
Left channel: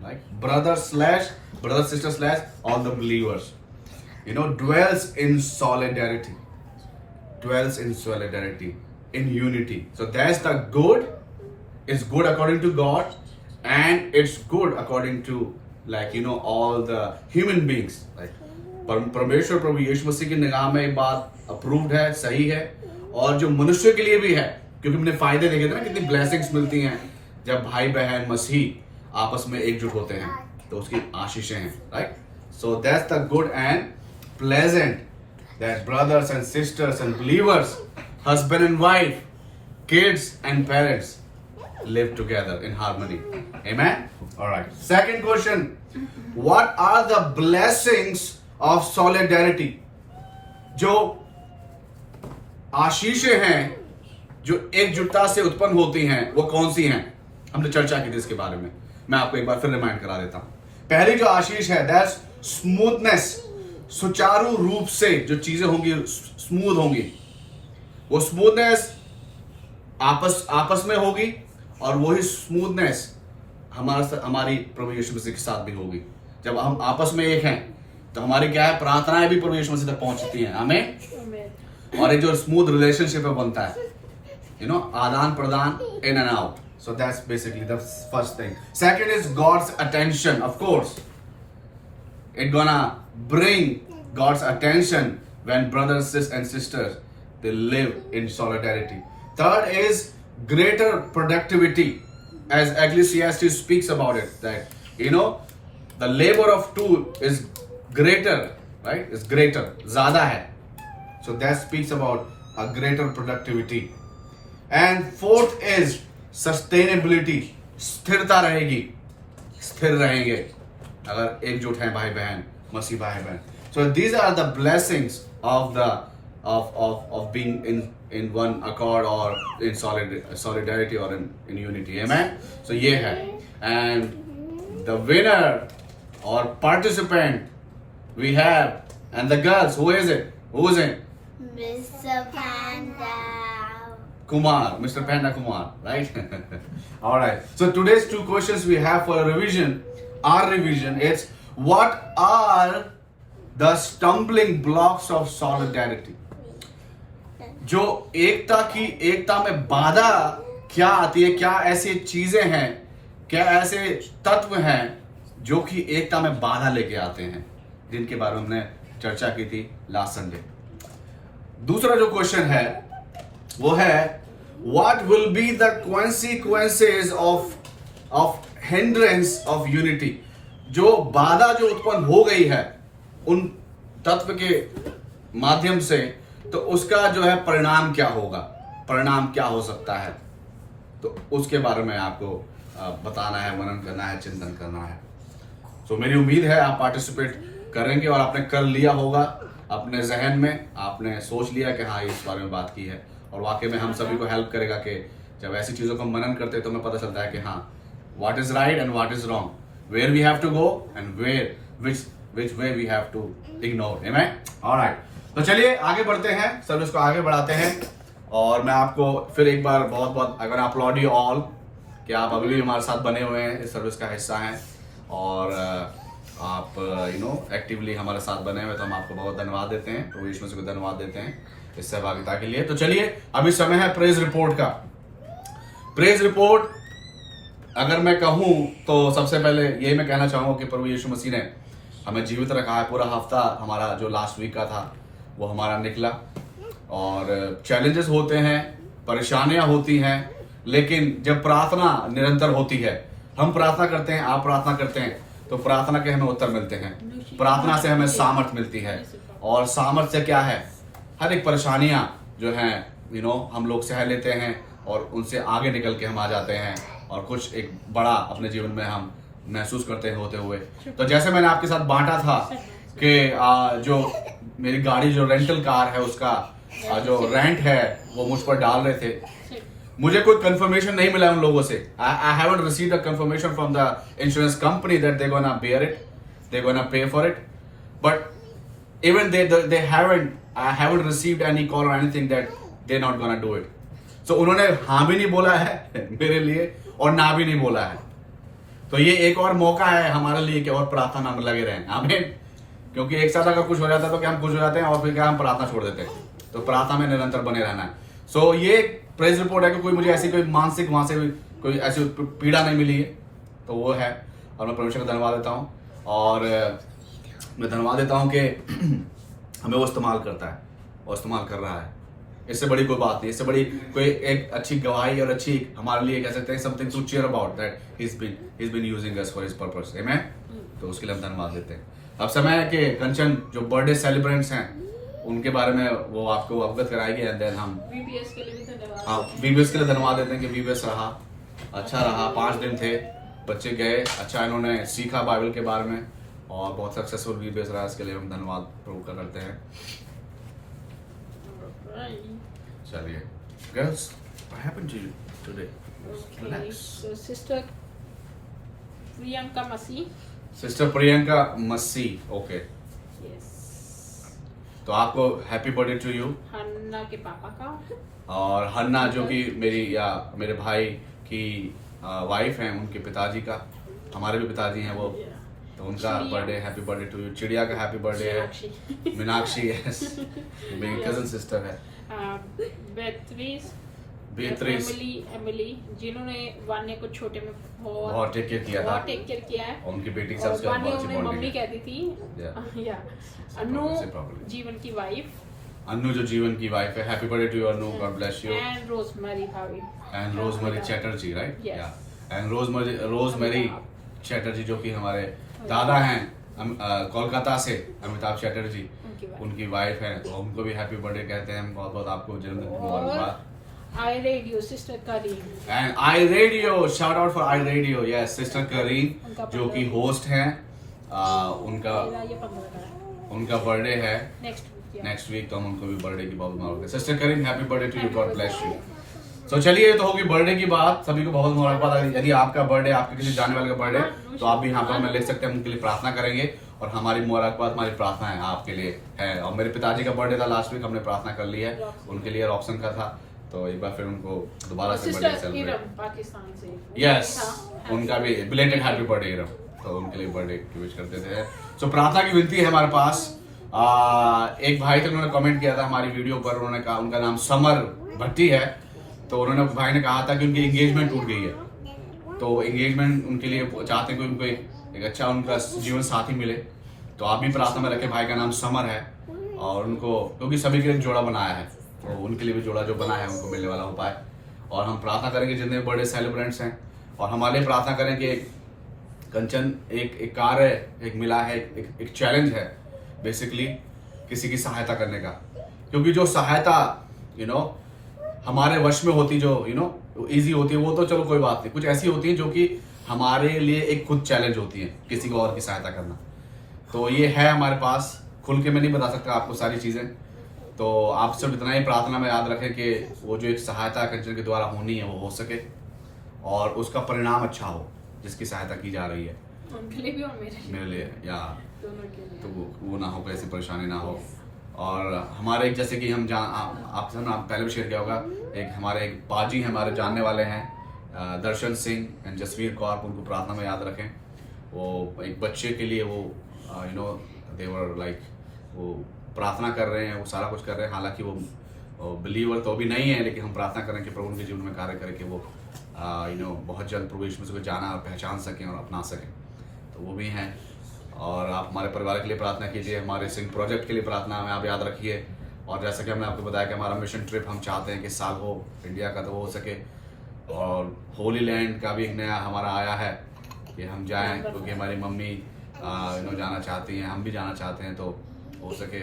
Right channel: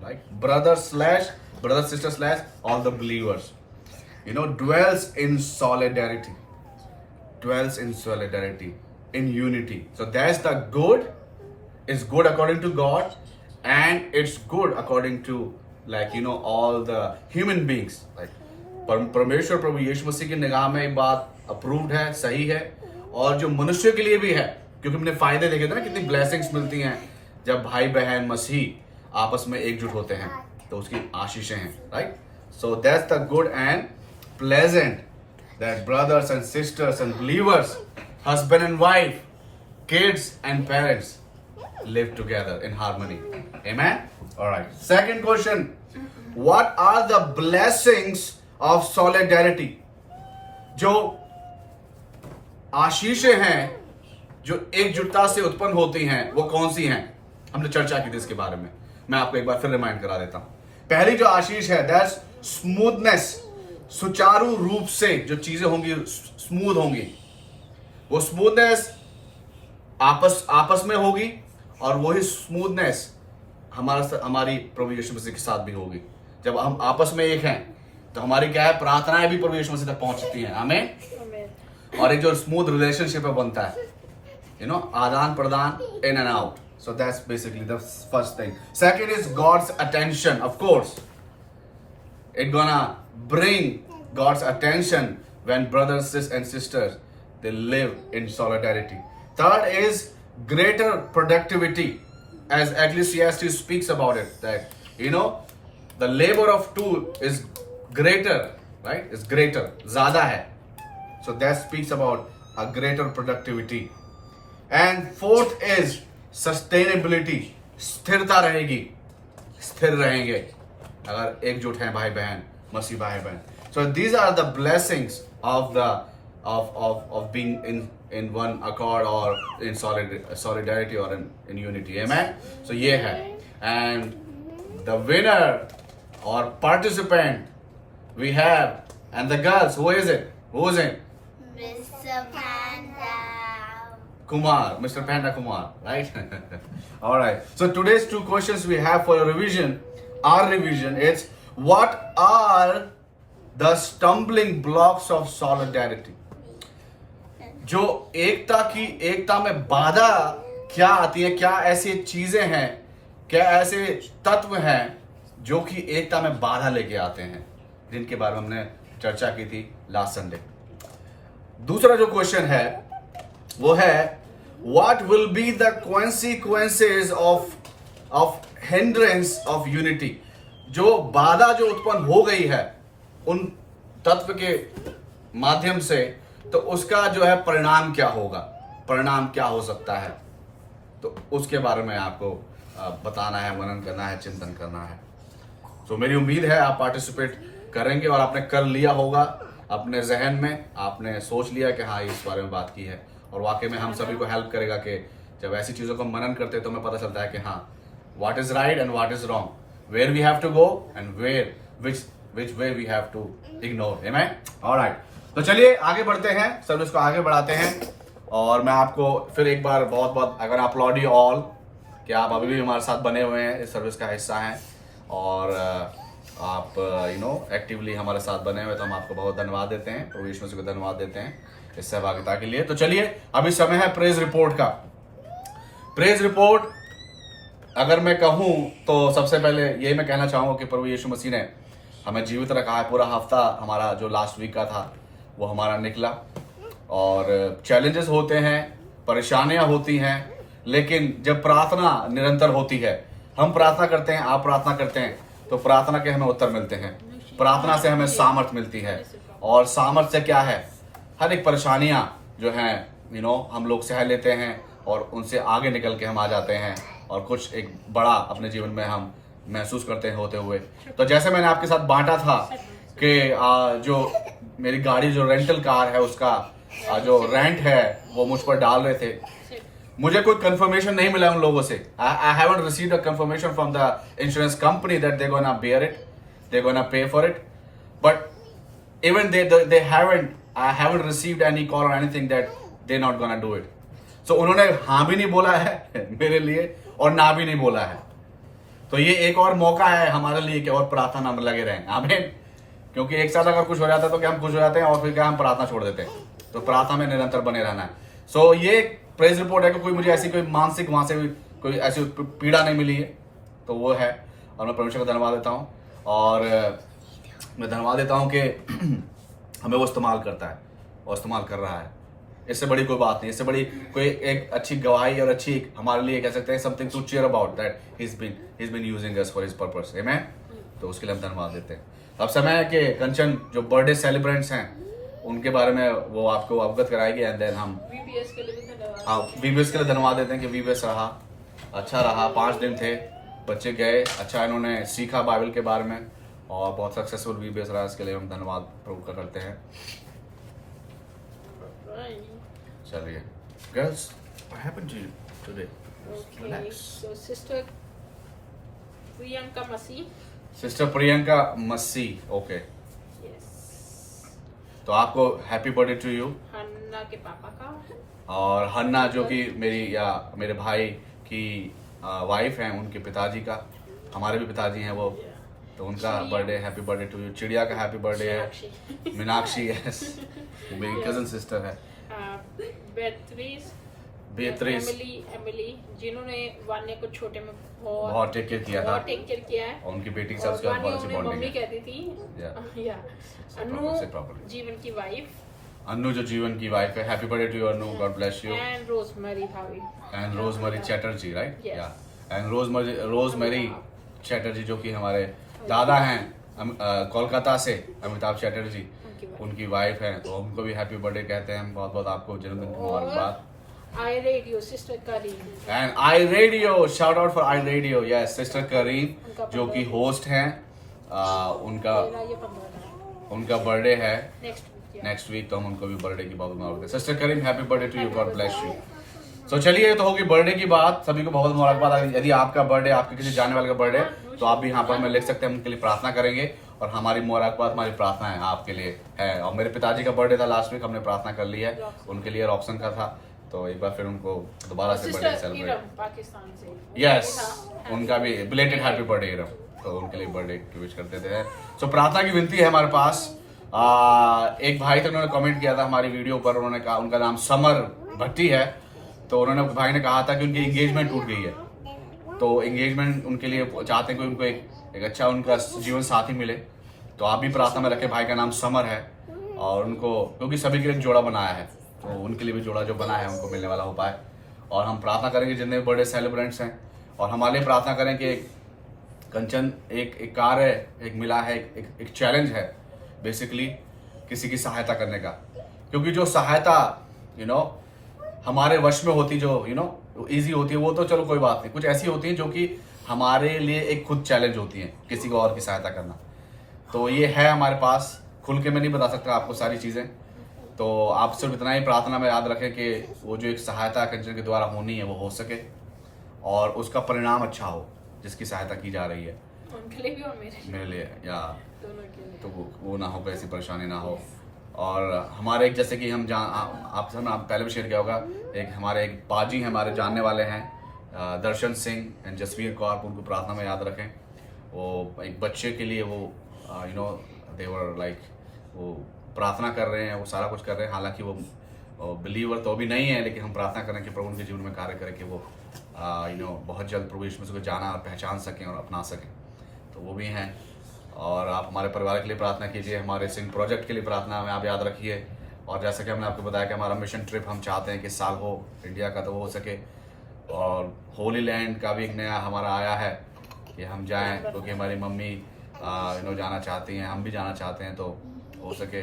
like brother sister / all the believers, dwells in solidarity, in unity. So that's the good. It's good according to God, and it's good according to all the human beings. Like परमेश्वर प्रभु यीशु मसीह की निगाह में एक बात approved है, सही है, और जो मनुष्य के लिए भी है, क्योंकि हमने फायदे देखे थे ना, कितनी ब्लेसिंग्स मिलती हैं जब भाई बहन मसीह आपस में एकजुट होते हैं, तो उसकी आशीषें हैं, right? So that's the good and pleasant, that brothers and sisters and believers, husband and wife, kids and parents live together in harmony. Amen? All right. Second question. What are the blessings of solidarity? जो आशीषें हैं जो एकजुटता से उत्पन्न होती हैं, वो कौन सी हैं? हमने चर्चा की थी इसके बारे में, मैं आपको एक बार फिर रिमाइंड करा देता हूं। पहली जो आशीष है, दैट्स स्मूथनेस, सुचारू रूप से जो चीजें होंगी स्मूथ होंगी, वो स्मूथनेस आपस में होगी, और वही स्मूथनेस हमारी प्रभु यीशु मसीह के साथ भी होगी। जब हम आपस में एक हैं, तो हमारी क्या है, प्रार्थनाएं भी प्रभु यीशु मसीह तक पहुंचती हैं। आमीन। और एक जो स्मूथ रिलेशनशिप बनता है, आदान प्रदान, in and out. So that's basically the first thing. Second is God's attention. Of course, it's gonna bring God's attention when brothers and sisters they live in solidarity. Third is greater productivity, as Ecclesiastes speaks about it, that you know, the labor of two is greater, right? Is greater, ज़्यादा है. So that speaks about a greater productivity. And fourth is sustainability. स्थिरता रहेगी, स्थिर रहेंगे अगर एकजुट हैं भाई बहन, मसीह भाई बहन. So these are the blessings of the of being in one accord or in solidarity or in unity. Amen. So ये है. And the winner or participant we have, and the girls, who is it? Who is it? Mr. Panda. Kumar, Mr. Panda Kumar, right? All right. So today's two questions we have for revision. Our revision is, what are the stumbling blocks of solidarity? जो एकता में बाधा क्या आती है, क्या ऐसी चीजें हैं, क्या ऐसे तत्व हैं जो कि एकता में बाधा लेके आते हैं, जिनके बारे में हमने चर्चा की थी लास्ट संडे. दूसरा जो क्वेश्चन है वो है, what will be the consequences of hindrance of unity? जो बाधा जो उत्पन्न हो गई है उन तत्व के माध्यम से, तो उसका जो है परिणाम क्या होगा, परिणाम क्या हो सकता है, तो उसके बारे में आपको बताना है, मनन करना है, चिंतन करना है. तो मेरी उम्मीद है आप पार्टिसिपेट करेंगे और आपने कर लिया होगा अपने जहन में, आपने सोच लिया कि हाँ इस बारे में बात की है, और वाकई में हम सभी को हेल्प करेगा कि जब ऐसी चीजों को मनन करते हैं तो हमें पता चलता है कि हाँ what is right and what is wrong, where we have to go and where which way we have to ignore. Amen? All right. तो चलिए आगे बढ़ते हैं, सर्विस को आगे बढ़ाते हैं. और मैं आपको फिर एक बार बहुत बहुत अगर अपलॉड यू ऑल कि आप अभी भी हमारे साथ बने हुए हैं, इस सर्विस का हिस्सा हैं और आप एक्टिवली हमारे साथ बने हुए, तो हम आपको बहुत धन्यवाद देते हैं, तो यीशु मसीह को धन्यवाद देते हैं इस सहभागिता के लिए. तो चलिए अभी समय है प्रेज रिपोर्ट का. प्रेज रिपोर्ट अगर मैं कहूं तो सबसे पहले यही मैं कहना चाहूंगा कि प्रभु यीशु मसीह ने हमें जीवित रखा है. पूरा हफ्ता हमारा जो लास्ट वीक का था वो हमारा निकला, और चैलेंजेस होते हैं, परेशानियां होती हैं, लेकिन जब प्रार्थना निरंतर होती है, हम प्रार्थना करते हैं, आप प्रार्थना करते हैं, तो प्रार्थना के हमें उत्तर मिलते हैं, प्रार्थना से हमें सामर्थ मिलती है. और सामर्थ से क्या है, हर एक परेशानियां जो हैं हम लोग सह लेते हैं और उनसे आगे निकल के हम आ जाते हैं और कुछ एक बड़ा अपने जीवन में हम महसूस करते हैं होते हुए. तो जैसे मैंने आपके साथ बांटा था कि जो मेरी गाड़ी जो रेंटल कार है उसका जो रेंट है वो मुझ पर डाल रहे थे, मुझे कोई कंफर्मेशन नहीं मिला उन लोगों से. I haven't received a confirmation from the insurance company that they gonna bear it, they gonna pay for it, but even they haven't received any call और anything that they not gonna do it. So उन्होंने हाँ भी नहीं बोला है मेरे लिए और ना भी नहीं बोला है. तो ये एक और मौका है हमारे लिए कि और प्रार्थना में लगे रहें. आमीन. क्योंकि एक साथ अगर कुछ हो जाता है तो क्या हम खुश हो जाते हैं और फिर क्या हम प्रार्थना छोड़ देते हैं. तो प्रार्थना में निरंतर बने रहना है. सो ये प्रेज रिपोर्ट है कि कोई मुझे ऐसी कोई मानसिक वहां से भी कोई ऐसी पीड़ा नहीं मिली है, तो वो है. और मैं परमेश्वर को धन्यवाद देता हूँ, और मैं धन्यवाद देता हूँ कि हमें वो इस्तेमाल करता है और इस्तेमाल कर रहा है. इससे बड़ी कोई बात नहीं, इससे बड़ी कोई एक अच्छी गवाही और अच्छी हमारे लिए कह सकते हैं something to cheer about that he is been using us for his purpose. Amen. तो उसके लिए हम धन्यवाद देते हैं. अब समय है कि कंचन जो बर्थडे सेलिब्रेंट्स हैं उनके बारे में वो आपको अवगत कराएगी, एंड देन हम VBS के लिए भी धन्यवाद. हाँ, VBS के लिए धन्यवाद देते हैं कि VBS रहा, अच्छा रहा. 5 दिन थे, बच्चे गए, अच्छा इन्होंने सीखा बाइबल के बारे में और बहुत सक्सेसफुल VBS रहा. इसके लिए हम धन्यवाद प्रभु का करते हैं. चलिए girls, what happened to you today? Okay, Relax. so sister Priyanka Masi. Sister Priyanka Massey. Okay, Yes. तो आपको happy birthday to you. Hannah के पापा का. और हन्ना जो कि मेरे भाई की वाइफ हैं, उनके पिताजी का, हमारे भी पिताजी हैं वो, तो उनका चिड़िया. Birthday, happy birthday to you. चिड़िया का हैप्पी बर्थडे है. मीनाक्षी. मीनाक्षी, यस, मेरी Yes. कजन सिस्टर है. बेत्रीस, एमिली, जिन्होंने वान्या को छोटे में बहुत टेक केयर किया था. बहुत टेक केयर किया है. और उनकी बेटी और सबसे वान्या बहुत उन्हें अच्छी मम्मी बॉन्डिंग है. कहती थी. या Say properly. जीवन की वाइफ. अन्नू जो जीवन की वाइफ है. Happy birthday to you Annu, God bless you. And Rosemary भाभी. And Rosemary Chatterjee, right? Yes. Yeah. And Rosemary Chatterjee जो कि हमारे दादा हैं कोलकाता से, अमिताभ चैटर्जी उनकी वाइफ हैं, तो उनको भी हैप्पी बर्थडे कहते हैं। बहुत बहुत आपको जन्मदिन की मुबारकबाद। I radio sister Karim and I radio, shout out for I radio, yes sister Karim जो कि होस्ट हैं। उनका बर्थडे है नेक्स्ट वीक, तो हम उनको भी बर्थडे की बहुत मुबारकबाद। Sister Karim happy birthday to you, God bless you. तो चलिए, तो होगी बर्थडे की बात। सभी को बहुत मुबारकबाद। यदि आपका बर्थडे, आपके किसी जाने वाले का बर्थडे, तो आप भी यहाँ पर हमें लिख सकते हैं, हम उनके लिए प्रार्थना करेंगे। और हमारी मुबारकबाद, हमारी प्रार्थना है आपके लिए है। और मेरे पिताजी का बर्थडे था लास्ट वीक, हमने प्रार्थना कर ली है उनके लिए, रॉक्सन का था, तो एक बार फिर उनको दोबारा से बर्थडे सेलिब्रेट, पाकिस्तान से, यस उनका भी बिलेटेड हैप्पी बर्थडे, तो उनके लिए बर्थडे की विश करते थे। तो प्रार्थना की विनती है हमारे पास। एक भाई थे, उन्होंने कमेंट किया था हमारी वीडियो पर, उन्होंने कहा, उनका नाम समर भट्टी है, तो उन्होंने भाई ने कहा था कि उनकी एंगेजमेंट टूट गई है, तो एंगेजमेंट उनके लिए चाहते हैं कि उनको एक अच्छा उनका जीवन साथी मिले। तो आप भी प्रार्थना में रखें। भाई का नाम समर है और उनको, क्योंकि सभी के लिए जोड़ा बनाया है, तो उनके लिए भी जोड़ा जो बना है उनको मिलने वाला हो पाए। और हम प्रार्थना करेंगे जितने बर्थडे सेलिब्रेंट्स हैं, और हमारे लिए प्रार्थना करें कि कंचन एक कार्य एक मिला है, एक चैलेंज है बेसिकली किसी की सहायता करने का, क्योंकि जो सहायता हमारे वश में होती, जो इजी होती है, वो तो चलो कोई बात नहीं, कुछ ऐसी होती है जो कि हमारे लिए एक खुद चैलेंज होती है, किसी को और की सहायता करना। तो ये है हमारे पास, खुल के मैं नहीं बता सकता आपको सारी चीजें, तो आप सिर्फ इतना ही प्रार्थना में याद रखें कि वो जो एक सहायता कंचन के द्वारा होनी है वो हो सके, और उसका परिणाम अच्छा हो जिसकी सहायता की जा रही है, उनके लिए भी और मेरे लिए या दोनों के लिए, तो वो ना हो, कोई ऐसी परेशानी ना हो। और हमारे एक, जैसे कि हम आप पहले भी शेयर किया होगा, एक हमारे एक बाजी हमारे जानने वाले हैं, दर्शन सिंह एंड जसवीर कौर, उनको प्रार्थना में याद रखें। वो एक बच्चे के लिए वो देवर लाइक वो प्रार्थना कर रहे हैं, वो सारा कुछ कर रहे हैं, हालांकि वो बिलीवर तो अभी नहीं है, लेकिन हम प्रार्थना करें कि प्रभु उनके जीवन में कार्य करें कि वो बहुत जल्द प्रभु यीशु मसीह को जाना और पहचान सकें और अपना सकें, तो वो भी हैं। और आप हमारे परिवार के लिए प्रार्थना कीजिए, हमारे सिंह प्रोजेक्ट के लिए प्रार्थना में आप याद रखिए। और जैसा कि हमने आपको बताया कि हमारा मिशन ट्रिप हम चाहते हैं कि इस साल हो इंडिया का, तो वो हो सके। और होली लैंड का भी एक नया हमारा आया है कि हम जाएं, क्योंकि हमारी मम्मी जाना चाहती हैं, हम भी जाना चाहते हैं, तो हो सके।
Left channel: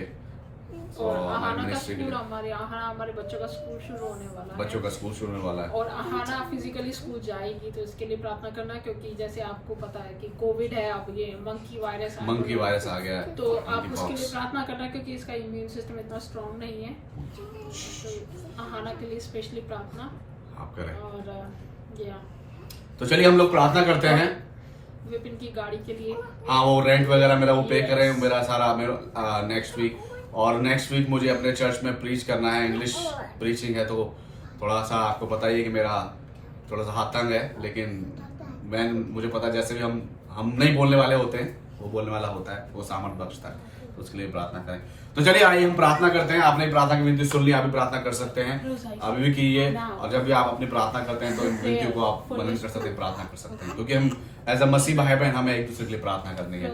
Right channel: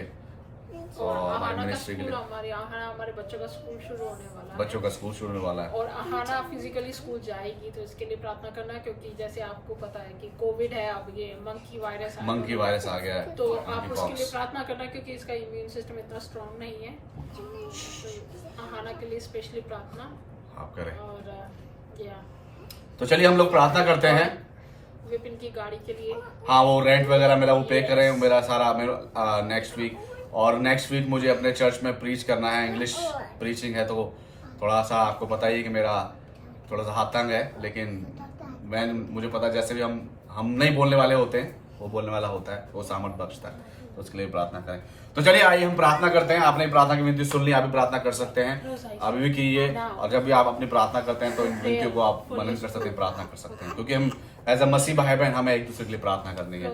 और आहाना का स्कूल, हमारे बच्चों का स्कूल शुरू होने वाला है, बच्चों का स्कूल शुरू होने वाला है, और आहाना फिजिकली स्कूल जाएगी, तो इसके लिए प्रार्थना करना, क्योंकि जैसे आपको पता है कि कोविड है, अब ये मंकी वायरस आ गया है, तो आप उसके लिए प्रार्थना करना, क्योंकि इसका इम्यून सिस्टम इतना स्ट्रांग नहीं है, तो आहाना के लिए स्पेशली प्रार्थना आप करें। और तो चलिए हम लोग प्रार्थना करते हैं विपिन की गाड़ी के लिए। हाँ, वो रेंट वगैरह मेरा वो पे करें, मेरा सारा मेरा नेक्स्ट वीक, और नेक्स्ट वीक मुझे अपने चर्च में प्रीच करना है, इंग्लिश प्रीचिंग है, तो थोड़ा सा आपको पता ही है कि मेरा थोड़ा सा हाथ तंग है, लेकिन मुझे पता है जैसे भी हम नहीं बोलने वाले होते हैं, वो बोलने वाला होता है, वो सामर्थ बख्शता है, तो उसके लिए प्रार्थना करें। तो चलिए आइए हम प्रार्थना करते हैं। आपने प्रार्थना की विनती सुन ली, आप भी प्रार्थना कर सकते हैं, अभी भी कीजिए। और जब भी आप अपनी प्रार्थना करते हैं तो विनतियों को आप वर्णन कर सकते हैं, प्रार्थना कर सकते हैं, क्योंकि हम एज अ मसीह भाई बहन हमें एक दूसरे के लिए प्रार्थना करनी है।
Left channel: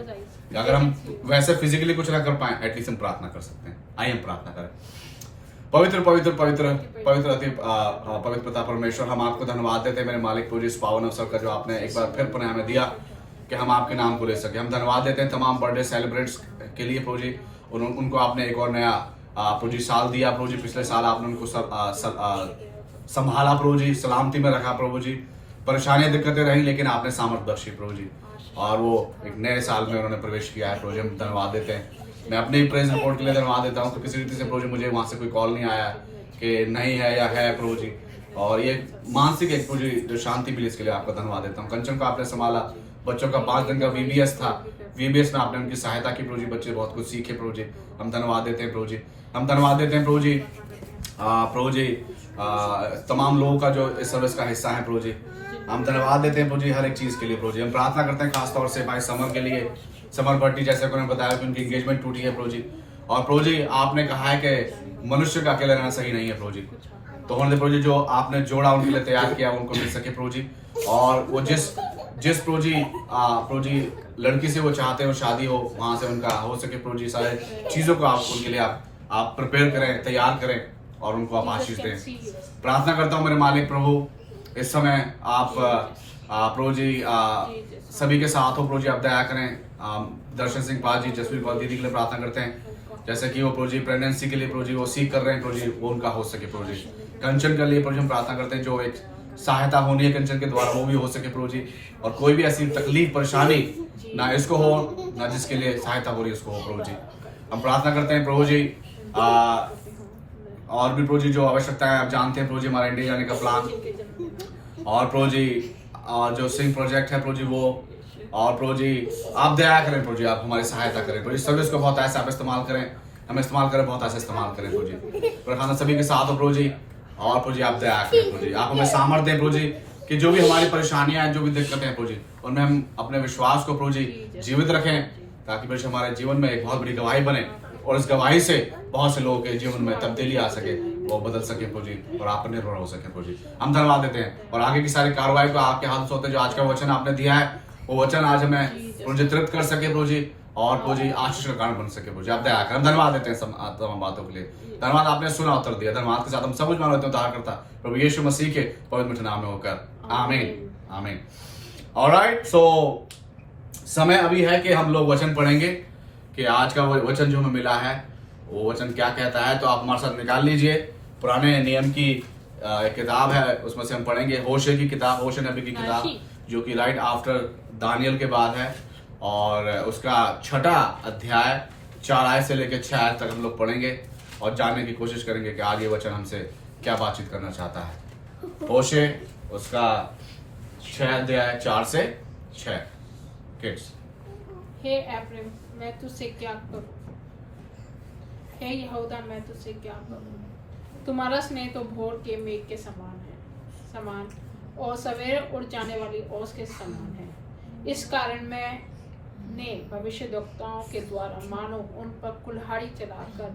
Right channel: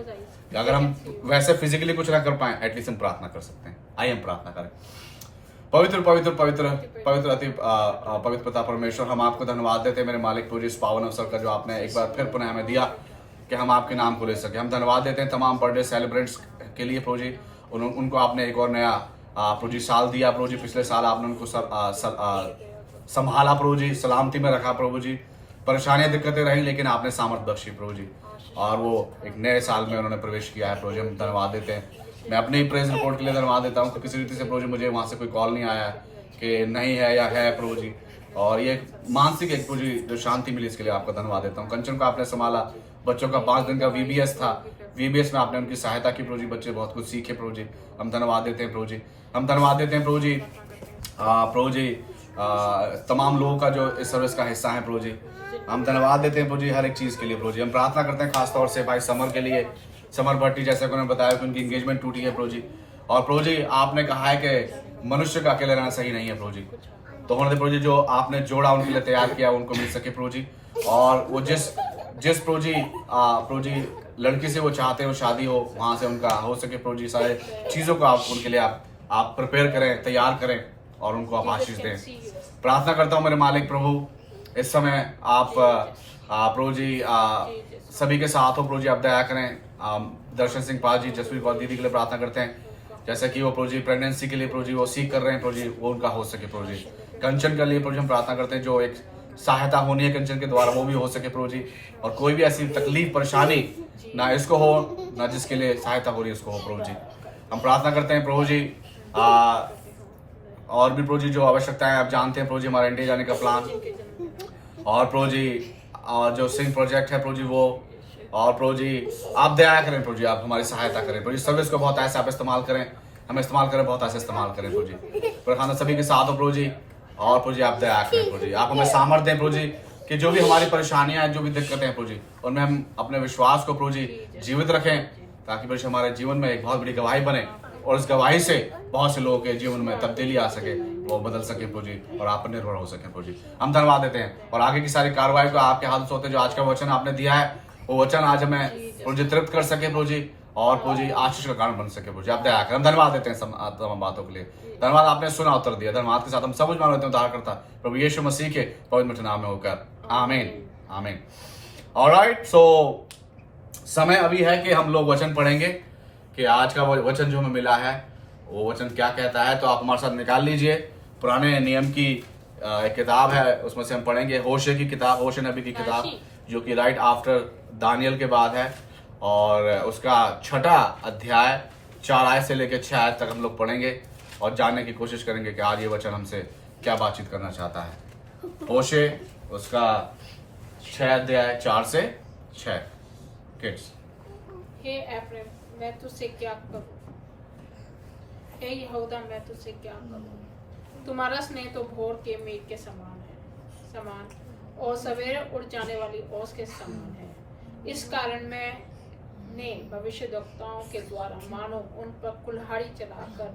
अगर हम वैसे फिजिकली कुछ ना कर पाए, एटलीस्ट हम प्रार्थना कर सकते हैं। आइए हम प्रार्थना करें। पवित्र पवित्र पवित्र पवित्र अति पवित्र पिता परमेश्वर, हम आपको धन्यवाद देते हैं मेरे मालिक प्रभु इस पावन अवसर का जो आपने एक बार फिर पुनः हमें दिया कि हम आपके नाम को ले सके। हम धन्यवाद देते हैं तमाम बर्थडे सेलिब्रेट्स के लिए प्रभु जी, उनको आपने एक और नया प्रभु जी साल दिया प्रभु जी। पिछले साल आपने उनको संभाला प्रभु जी, सलामती में रखा प्रभु जी, परेशानियां दिक्कतें रही, लेकिन आपने सामर्थ बख्शी प्रभु जी, और वो एक नए साल में उन्होंने प्रवेश किया है प्रभु जी। हम धन्यवाद देते हैं। मैं अपनी प्रेज रिपोर्ट के लिए धन्यवाद देता हूँ कि किसी रीति से प्रभु जी मुझे वहाँ से कोई कॉल नहीं आया कि नहीं है या है प्रभु जी, और ये मानसिक एक प्रभु जी जो शांति मिली, इसके लिए आपका धन्यवाद देता हूँ। कंचन को आपने संभाला, बच्चों का 5 दिन का VBS था, VBS में आपने उनकी सहायता की प्रभु जी, बच्चे बहुत कुछ सीखे प्रभु जी। हम धन्यवाद देते हैं प्रभु जी, हम धन्यवाद देते हैं प्रभु जी तमाम लोगों का जो इस सर्विस का हिस्सा है प्रभु जी। हम धन्यवाद देते हैं प्रभु जी हर एक चीज के लिए प्रभु जी। हम प्रार्थना करते हैं खासतौर से भाई समर के लिए, समर भट्टी, जैसे उन्होंने बताया कि उनकी एंगेजमेंट टूटी है प्रभु जी, और प्रभु जी आपने कहा है कि मनुष्य का अकेले रहना सही नहीं है प्रभु जी, तो होने दे प्रभु जी जो आपने जोड़ा उनके लिए तैयार किया उनको मिल सके प्रभु जी। और वो जिस प्रभु जी लड़की से वो चाहते हो शादी हो, वहां से उनका हो सके प्रभु जी, सारे चीजों को आप उनके लिए आप प्रिपेयर करें, तैयार करें, और उनको आप आशीष दें। प्रार्थना करता हूँ मेरे मालिक प्रभु इस समय आप प्रभु जी सभी के साथ हो। प्रभु जी आप दया करें। दर्शन सिंह पाल जी, जसवीर पाल दीदी के लिए प्रार्थना करते हैं, जैसे कि वो प्रभु जी प्रेगनेंसी के लिए प्रभु जी वो सीख कर रहे हैं, प्रभु जी वो उनका हो सके। प्रभु जी कंचन के लिए प्रभु जी हम प्रार्थना करते हैं, जो एक सहायता होनी है कंचन के द्वारा वो भी हो सके प्रभु जी। और कोई भी ऐसी तकलीफ परेशानी ना इसको हो, ना जिसके लिए सहायता हो रही है उसको हो प्रभु जी। हम प्रार्थना करते हैं प्रभु जी और भी प्रभु जी जो आवश्यकताएं आप जानते हैं प्रभु जी, हमारा इंडिया जाने का प्लान, और प्रभु जी जो सिंह प्रोजेक्ट है प्रभु जी वो, और प्रभु जी आप दया करें प्रभु जी, आप हमारी सहायता करें प्रभु जी। सर्विस को बहुत ऐसे आप इस्तेमाल करें, हम इस्तेमाल करें, बहुत ऐसे इस्तेमाल करें प्रभु जी। प्रधान सभी के साथ हो प्रभु जी, और प्रभु जी आप दया करें प्रभु जी, आप हमें सामर्थ्य दें प्रभु जी कि जो भी हमारी परेशानियां हैं, जो भी दिक्कतें हैं प्रभु जी, उनमें हम अपने विश्वास को प्रभु जी जीवित रखें, ताकि प्रभु जी हमारे जीवन में एक बहुत बड़ी गवाही बने, और इस गवाही से बहुत से लोगों के जीवन में तब्दीली आ सके, वो बदल सके प्रभु जी, और आप पर निर्भर हो सके प्रभु जी। हम धन्यवाद देते हैं, और आगे की सारी कार्रवाई को आपके हाथ में सौंपते हैं। जो आज का वचन आपने दिया है, वो वचन आज हमें प्रभु जी तृप्त कर सके प्रभु जी, और प्रभु जी आशीष का कारण बन सके प्रभु जी। आप दया करें। हम धन्यवाद देते हैं तमाम बातों के लिए। धन्यवाद आपने सुना, उत्तर दिया। धन्यवाद के साथ हम सब कुछ मान लेते हैं उद्धार करता प्रभु यीशु मसीह के पवित्र नाम में होकर, आमीन आमीन। ऑलराइट, सो समय अभी है कि हम लोग वचन पढ़ेंगे कि आज का वो वचन जो हमें मिला है वो वचन क्या कहता है। तो आप हमारे साथ निकाल लीजिए पुराने नियम की एक किताब है, उसमें से हम पढ़ेंगे होशे की किताब, होशे नबी की किताब, जो कि राइट आफ्टर दानियल के बाद है, और उसका 6ठा अध्याय 4 आयत से लेकर 6 आयत तक हम लोग पढ़ेंगे और जानने की कोशिश करेंगे कि आज ये वचन हमसे क्या बातचीत करना चाहता है। होशे उसका 6 अध्याय 4 से 6। किड्स, हे एफ्रेम, मैं तुझसे क्या करूं? हे यहूदा, मैं तुझसे क्या करूं? तुम्हारा स्नेह तो भोर के मेघ के समान और सवेरे उड़ जाने वाली ओस के समान है। इस कारण मैंने भविष्यद्वक्ताओं के द्वारा मानो उन पर कुल्हाड़ी चलाकर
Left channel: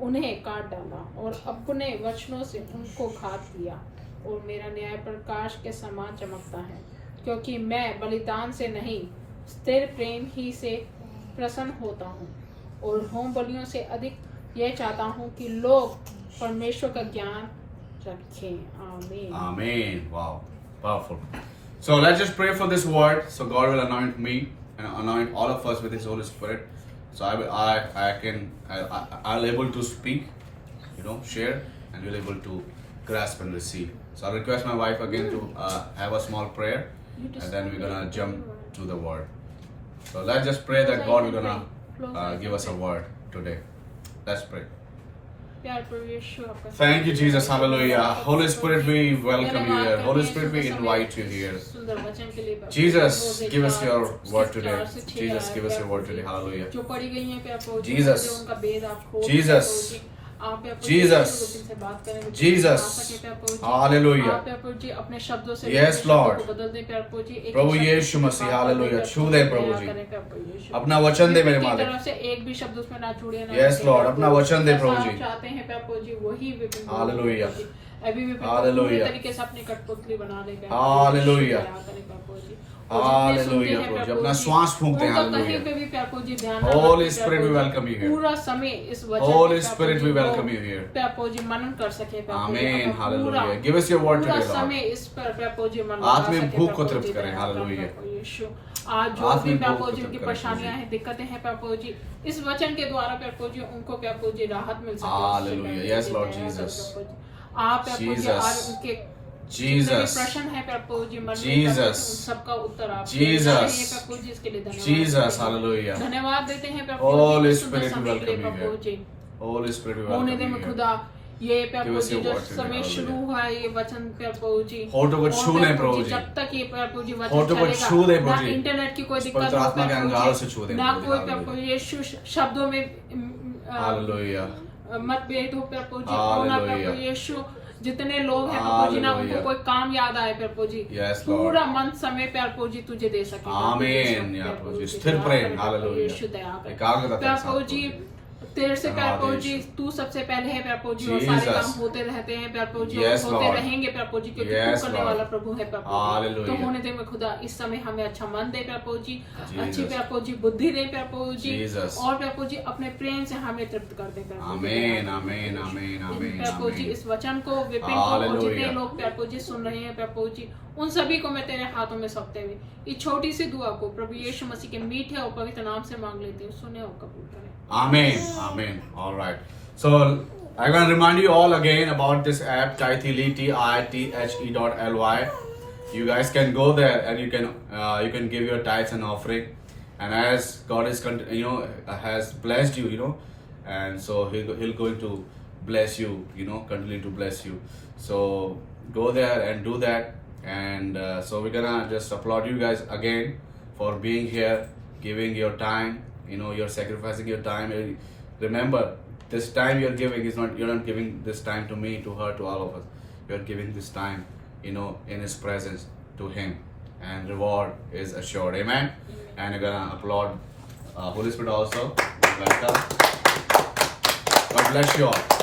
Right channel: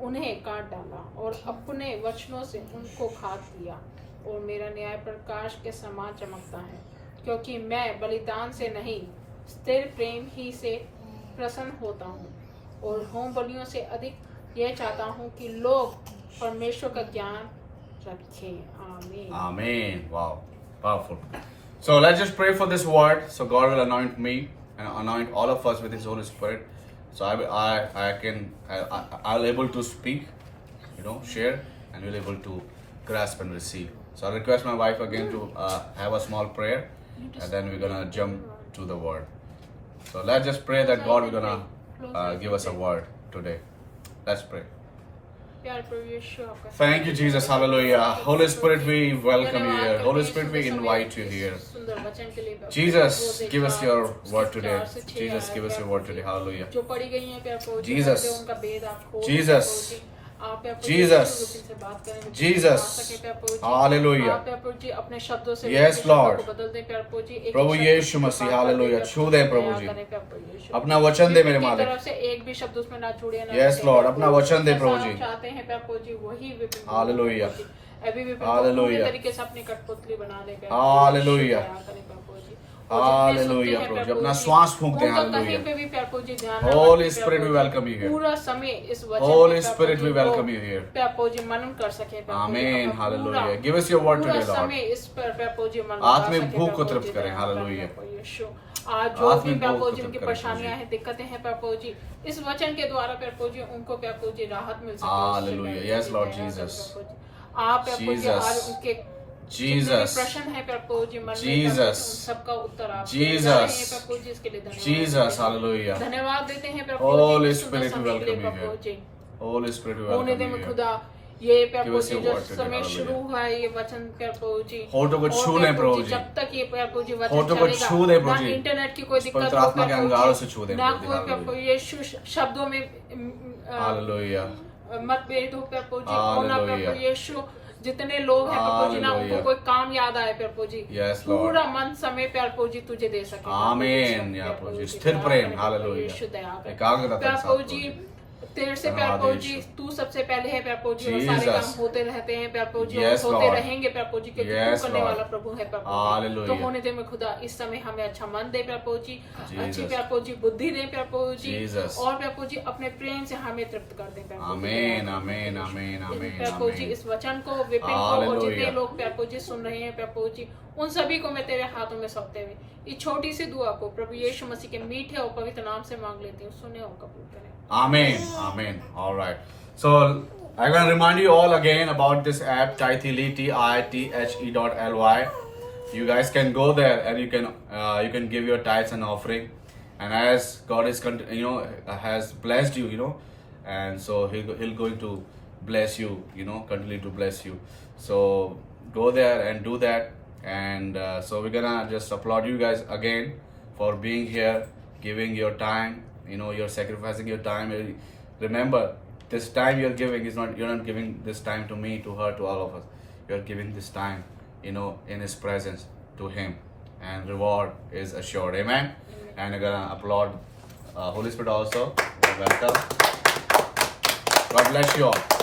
उन्हें काट डाला, और अपने वचनों से उनको घात दिया, और मेरा न्याय प्रकाश के समान चमकता है, क्योंकि मैं बलिदान से नहीं, स्थिर प्रेम ही से प्रसन्न होता हूँ, और होम बलियों से अधिक यह चाहता हूँ कि लोग परमेश्वर का ज्ञान रखें। आमीन आमीन। Wow, powerful. So let's just pray for this word. So God will anoint me and anoint all of us with His Holy Spirit. So I'll able to speak, share, and you're able to grasp and receive. So I request my wife again to have a small prayer, and then we're gonna jump to the word. So let's just pray that God will gonna give us a word today. Let's pray. Thank you, Jesus. Hallelujah. Holy Spirit, we welcome you here. Holy Spirit, we invite you here. Jesus, give us your word today. Jesus, give us your word today. Hallelujah. Jesus. Jesus. Jesus. Jesus. Hallelujah. Yes, Lord. Prabhu Yeshu Masih, hallelujah. छू दे प्रभु जी, अपना वचन दे मेरे मालिक। तरफ से एक भी शब्द उसमें ना छूटे ना। Yes, Lord. अपना वचन दे प्रभु जी। चाहते हैं प्रभु जी वही हालेलुया। अभी भी हालेलुया। पूरे तरीके से अपनी कठपुतली बना दे। हालेलुया। हालेलुया प्रभु जी, अपना श्वास फूंक दे। कहीं पे भी प्रभु जी ध्यान Holy Spirit, we welcome you here. पूरा समय इस वचन Holy Spirit, we welcome you here. प्रभु जी मनन कर सके। Amen. Hallelujah. Give us your word पूरा today, Lord. समय इस पर प्रभु जी मनन आत्मिक भूख को तृप्त करें। हालेलुया। आज जो भी प्रभु जी उनकी परेशानियां हैं, दिक्कतें हैं प्रभु जी, इस वचन के द्वारा प्रभु जी उनको प्रभु जी राहत मिल सके। Hallelujah. Yes, Lord Jesus. आप प्रभु जी आज उनके Jesus. प्रश्न है प्रभु जी मन में, Jesus. सबका उत्तर आप Jesus. प्रभु जी, इसके लिए धन्यवाद। Jesus. Hallelujah. धन्यवाद देते हैं प्रभु Holy जी, सुंदर Spirit, we समय के लिए welcome you Prabhu ji. Holy Spirit, we होने welcome दे you में here. खुदा ये प्रभु जी Give जो us your word समय today, शुरू हुआ है, ये वचन प्रभु जी होठों को और छू ले प्रभु जी। जब तक ये प्रभु जी वचन होठों को चलेगा, छू दे ना प्रभु जी। इंटरनेट की कोई दिक्कत पवित्र हो आत्मा के प्रभु अंगारों जी, से छू दे ना प्रभु जी। कोई हालेलुया। प्रभु यीशु शब्दों में हालेलुया। मतभेद हो प्रभु जी, और ना हालेलुया। प्रभु यीशु जितने लोग हैं प्रभु जी, ना उनको हालेलुया। कोई काम याद आए प्रभु जी, Yes, Lord. पूरा मन समय प्रभु जी तुझे दे सके। आमीन। या प्रभु जी, स्थिर प्रेम। हालेलुया। यीशु दया कर एकाग्रता के साथ प्रभु जी, तेरे से प्यार प्रभु जी, यीशु। तू सबसे पहले है प्यार प्रभु जी, और सारे Jesus. काम होते रहते हैं प्यार प्रभु जी, और Yes, होते Lord. रहेंगे प्यार प्रभु जी, क्योंकि Yes, तू करने Lord. वाला प्रभु है प्यार प्रभु जी। Hallelujah. तो होने दे मैं खुदा इस समय हमें अच्छा मन दे प्यार प्रभु जी, अच्छी Jesus. प्यार प्रभु जी बुद्धि दे प्यार प्रभु जी, Jesus. और प्यार प्रभु जी अपने प्रेम से हमें तृप्त कर दे प्यार प्रभु जी। आमीन आमीन आमीन आमीन प्यार प्रभु जी आमीन। इस वचन को, विपिन को, और Hallelujah. जितने लोग प्यार प्रभु जी सुन रहे हैं प्यार प्रभु जी, उन सभी को मैं तेरे हाथों में सौंपते हुए इस छोटी सी दुआ को प्रभु यीशु मसीह के मीठे और पवित्र नाम से मांग लेती हूँ, सुने और कबूल करें। Amen. Amen. All right. So I want to remind you all again about this app, Tithely, TITHE.ly. You guys can go there and you can give your tithes and offering. And as God is has blessed you, and so he'll going to bless you, continue to bless you. So go there and do that. And so we're gonna just applaud you guys again for being here, giving your time. You're sacrificing your time. Remember, this time you're giving is not, you're not giving this time to me, to her, to all of us. You're giving this time, in His presence to Him, and reward is assured. Amen. And we're gonna applaud Holy Spirit also. Welcome. God bless you all.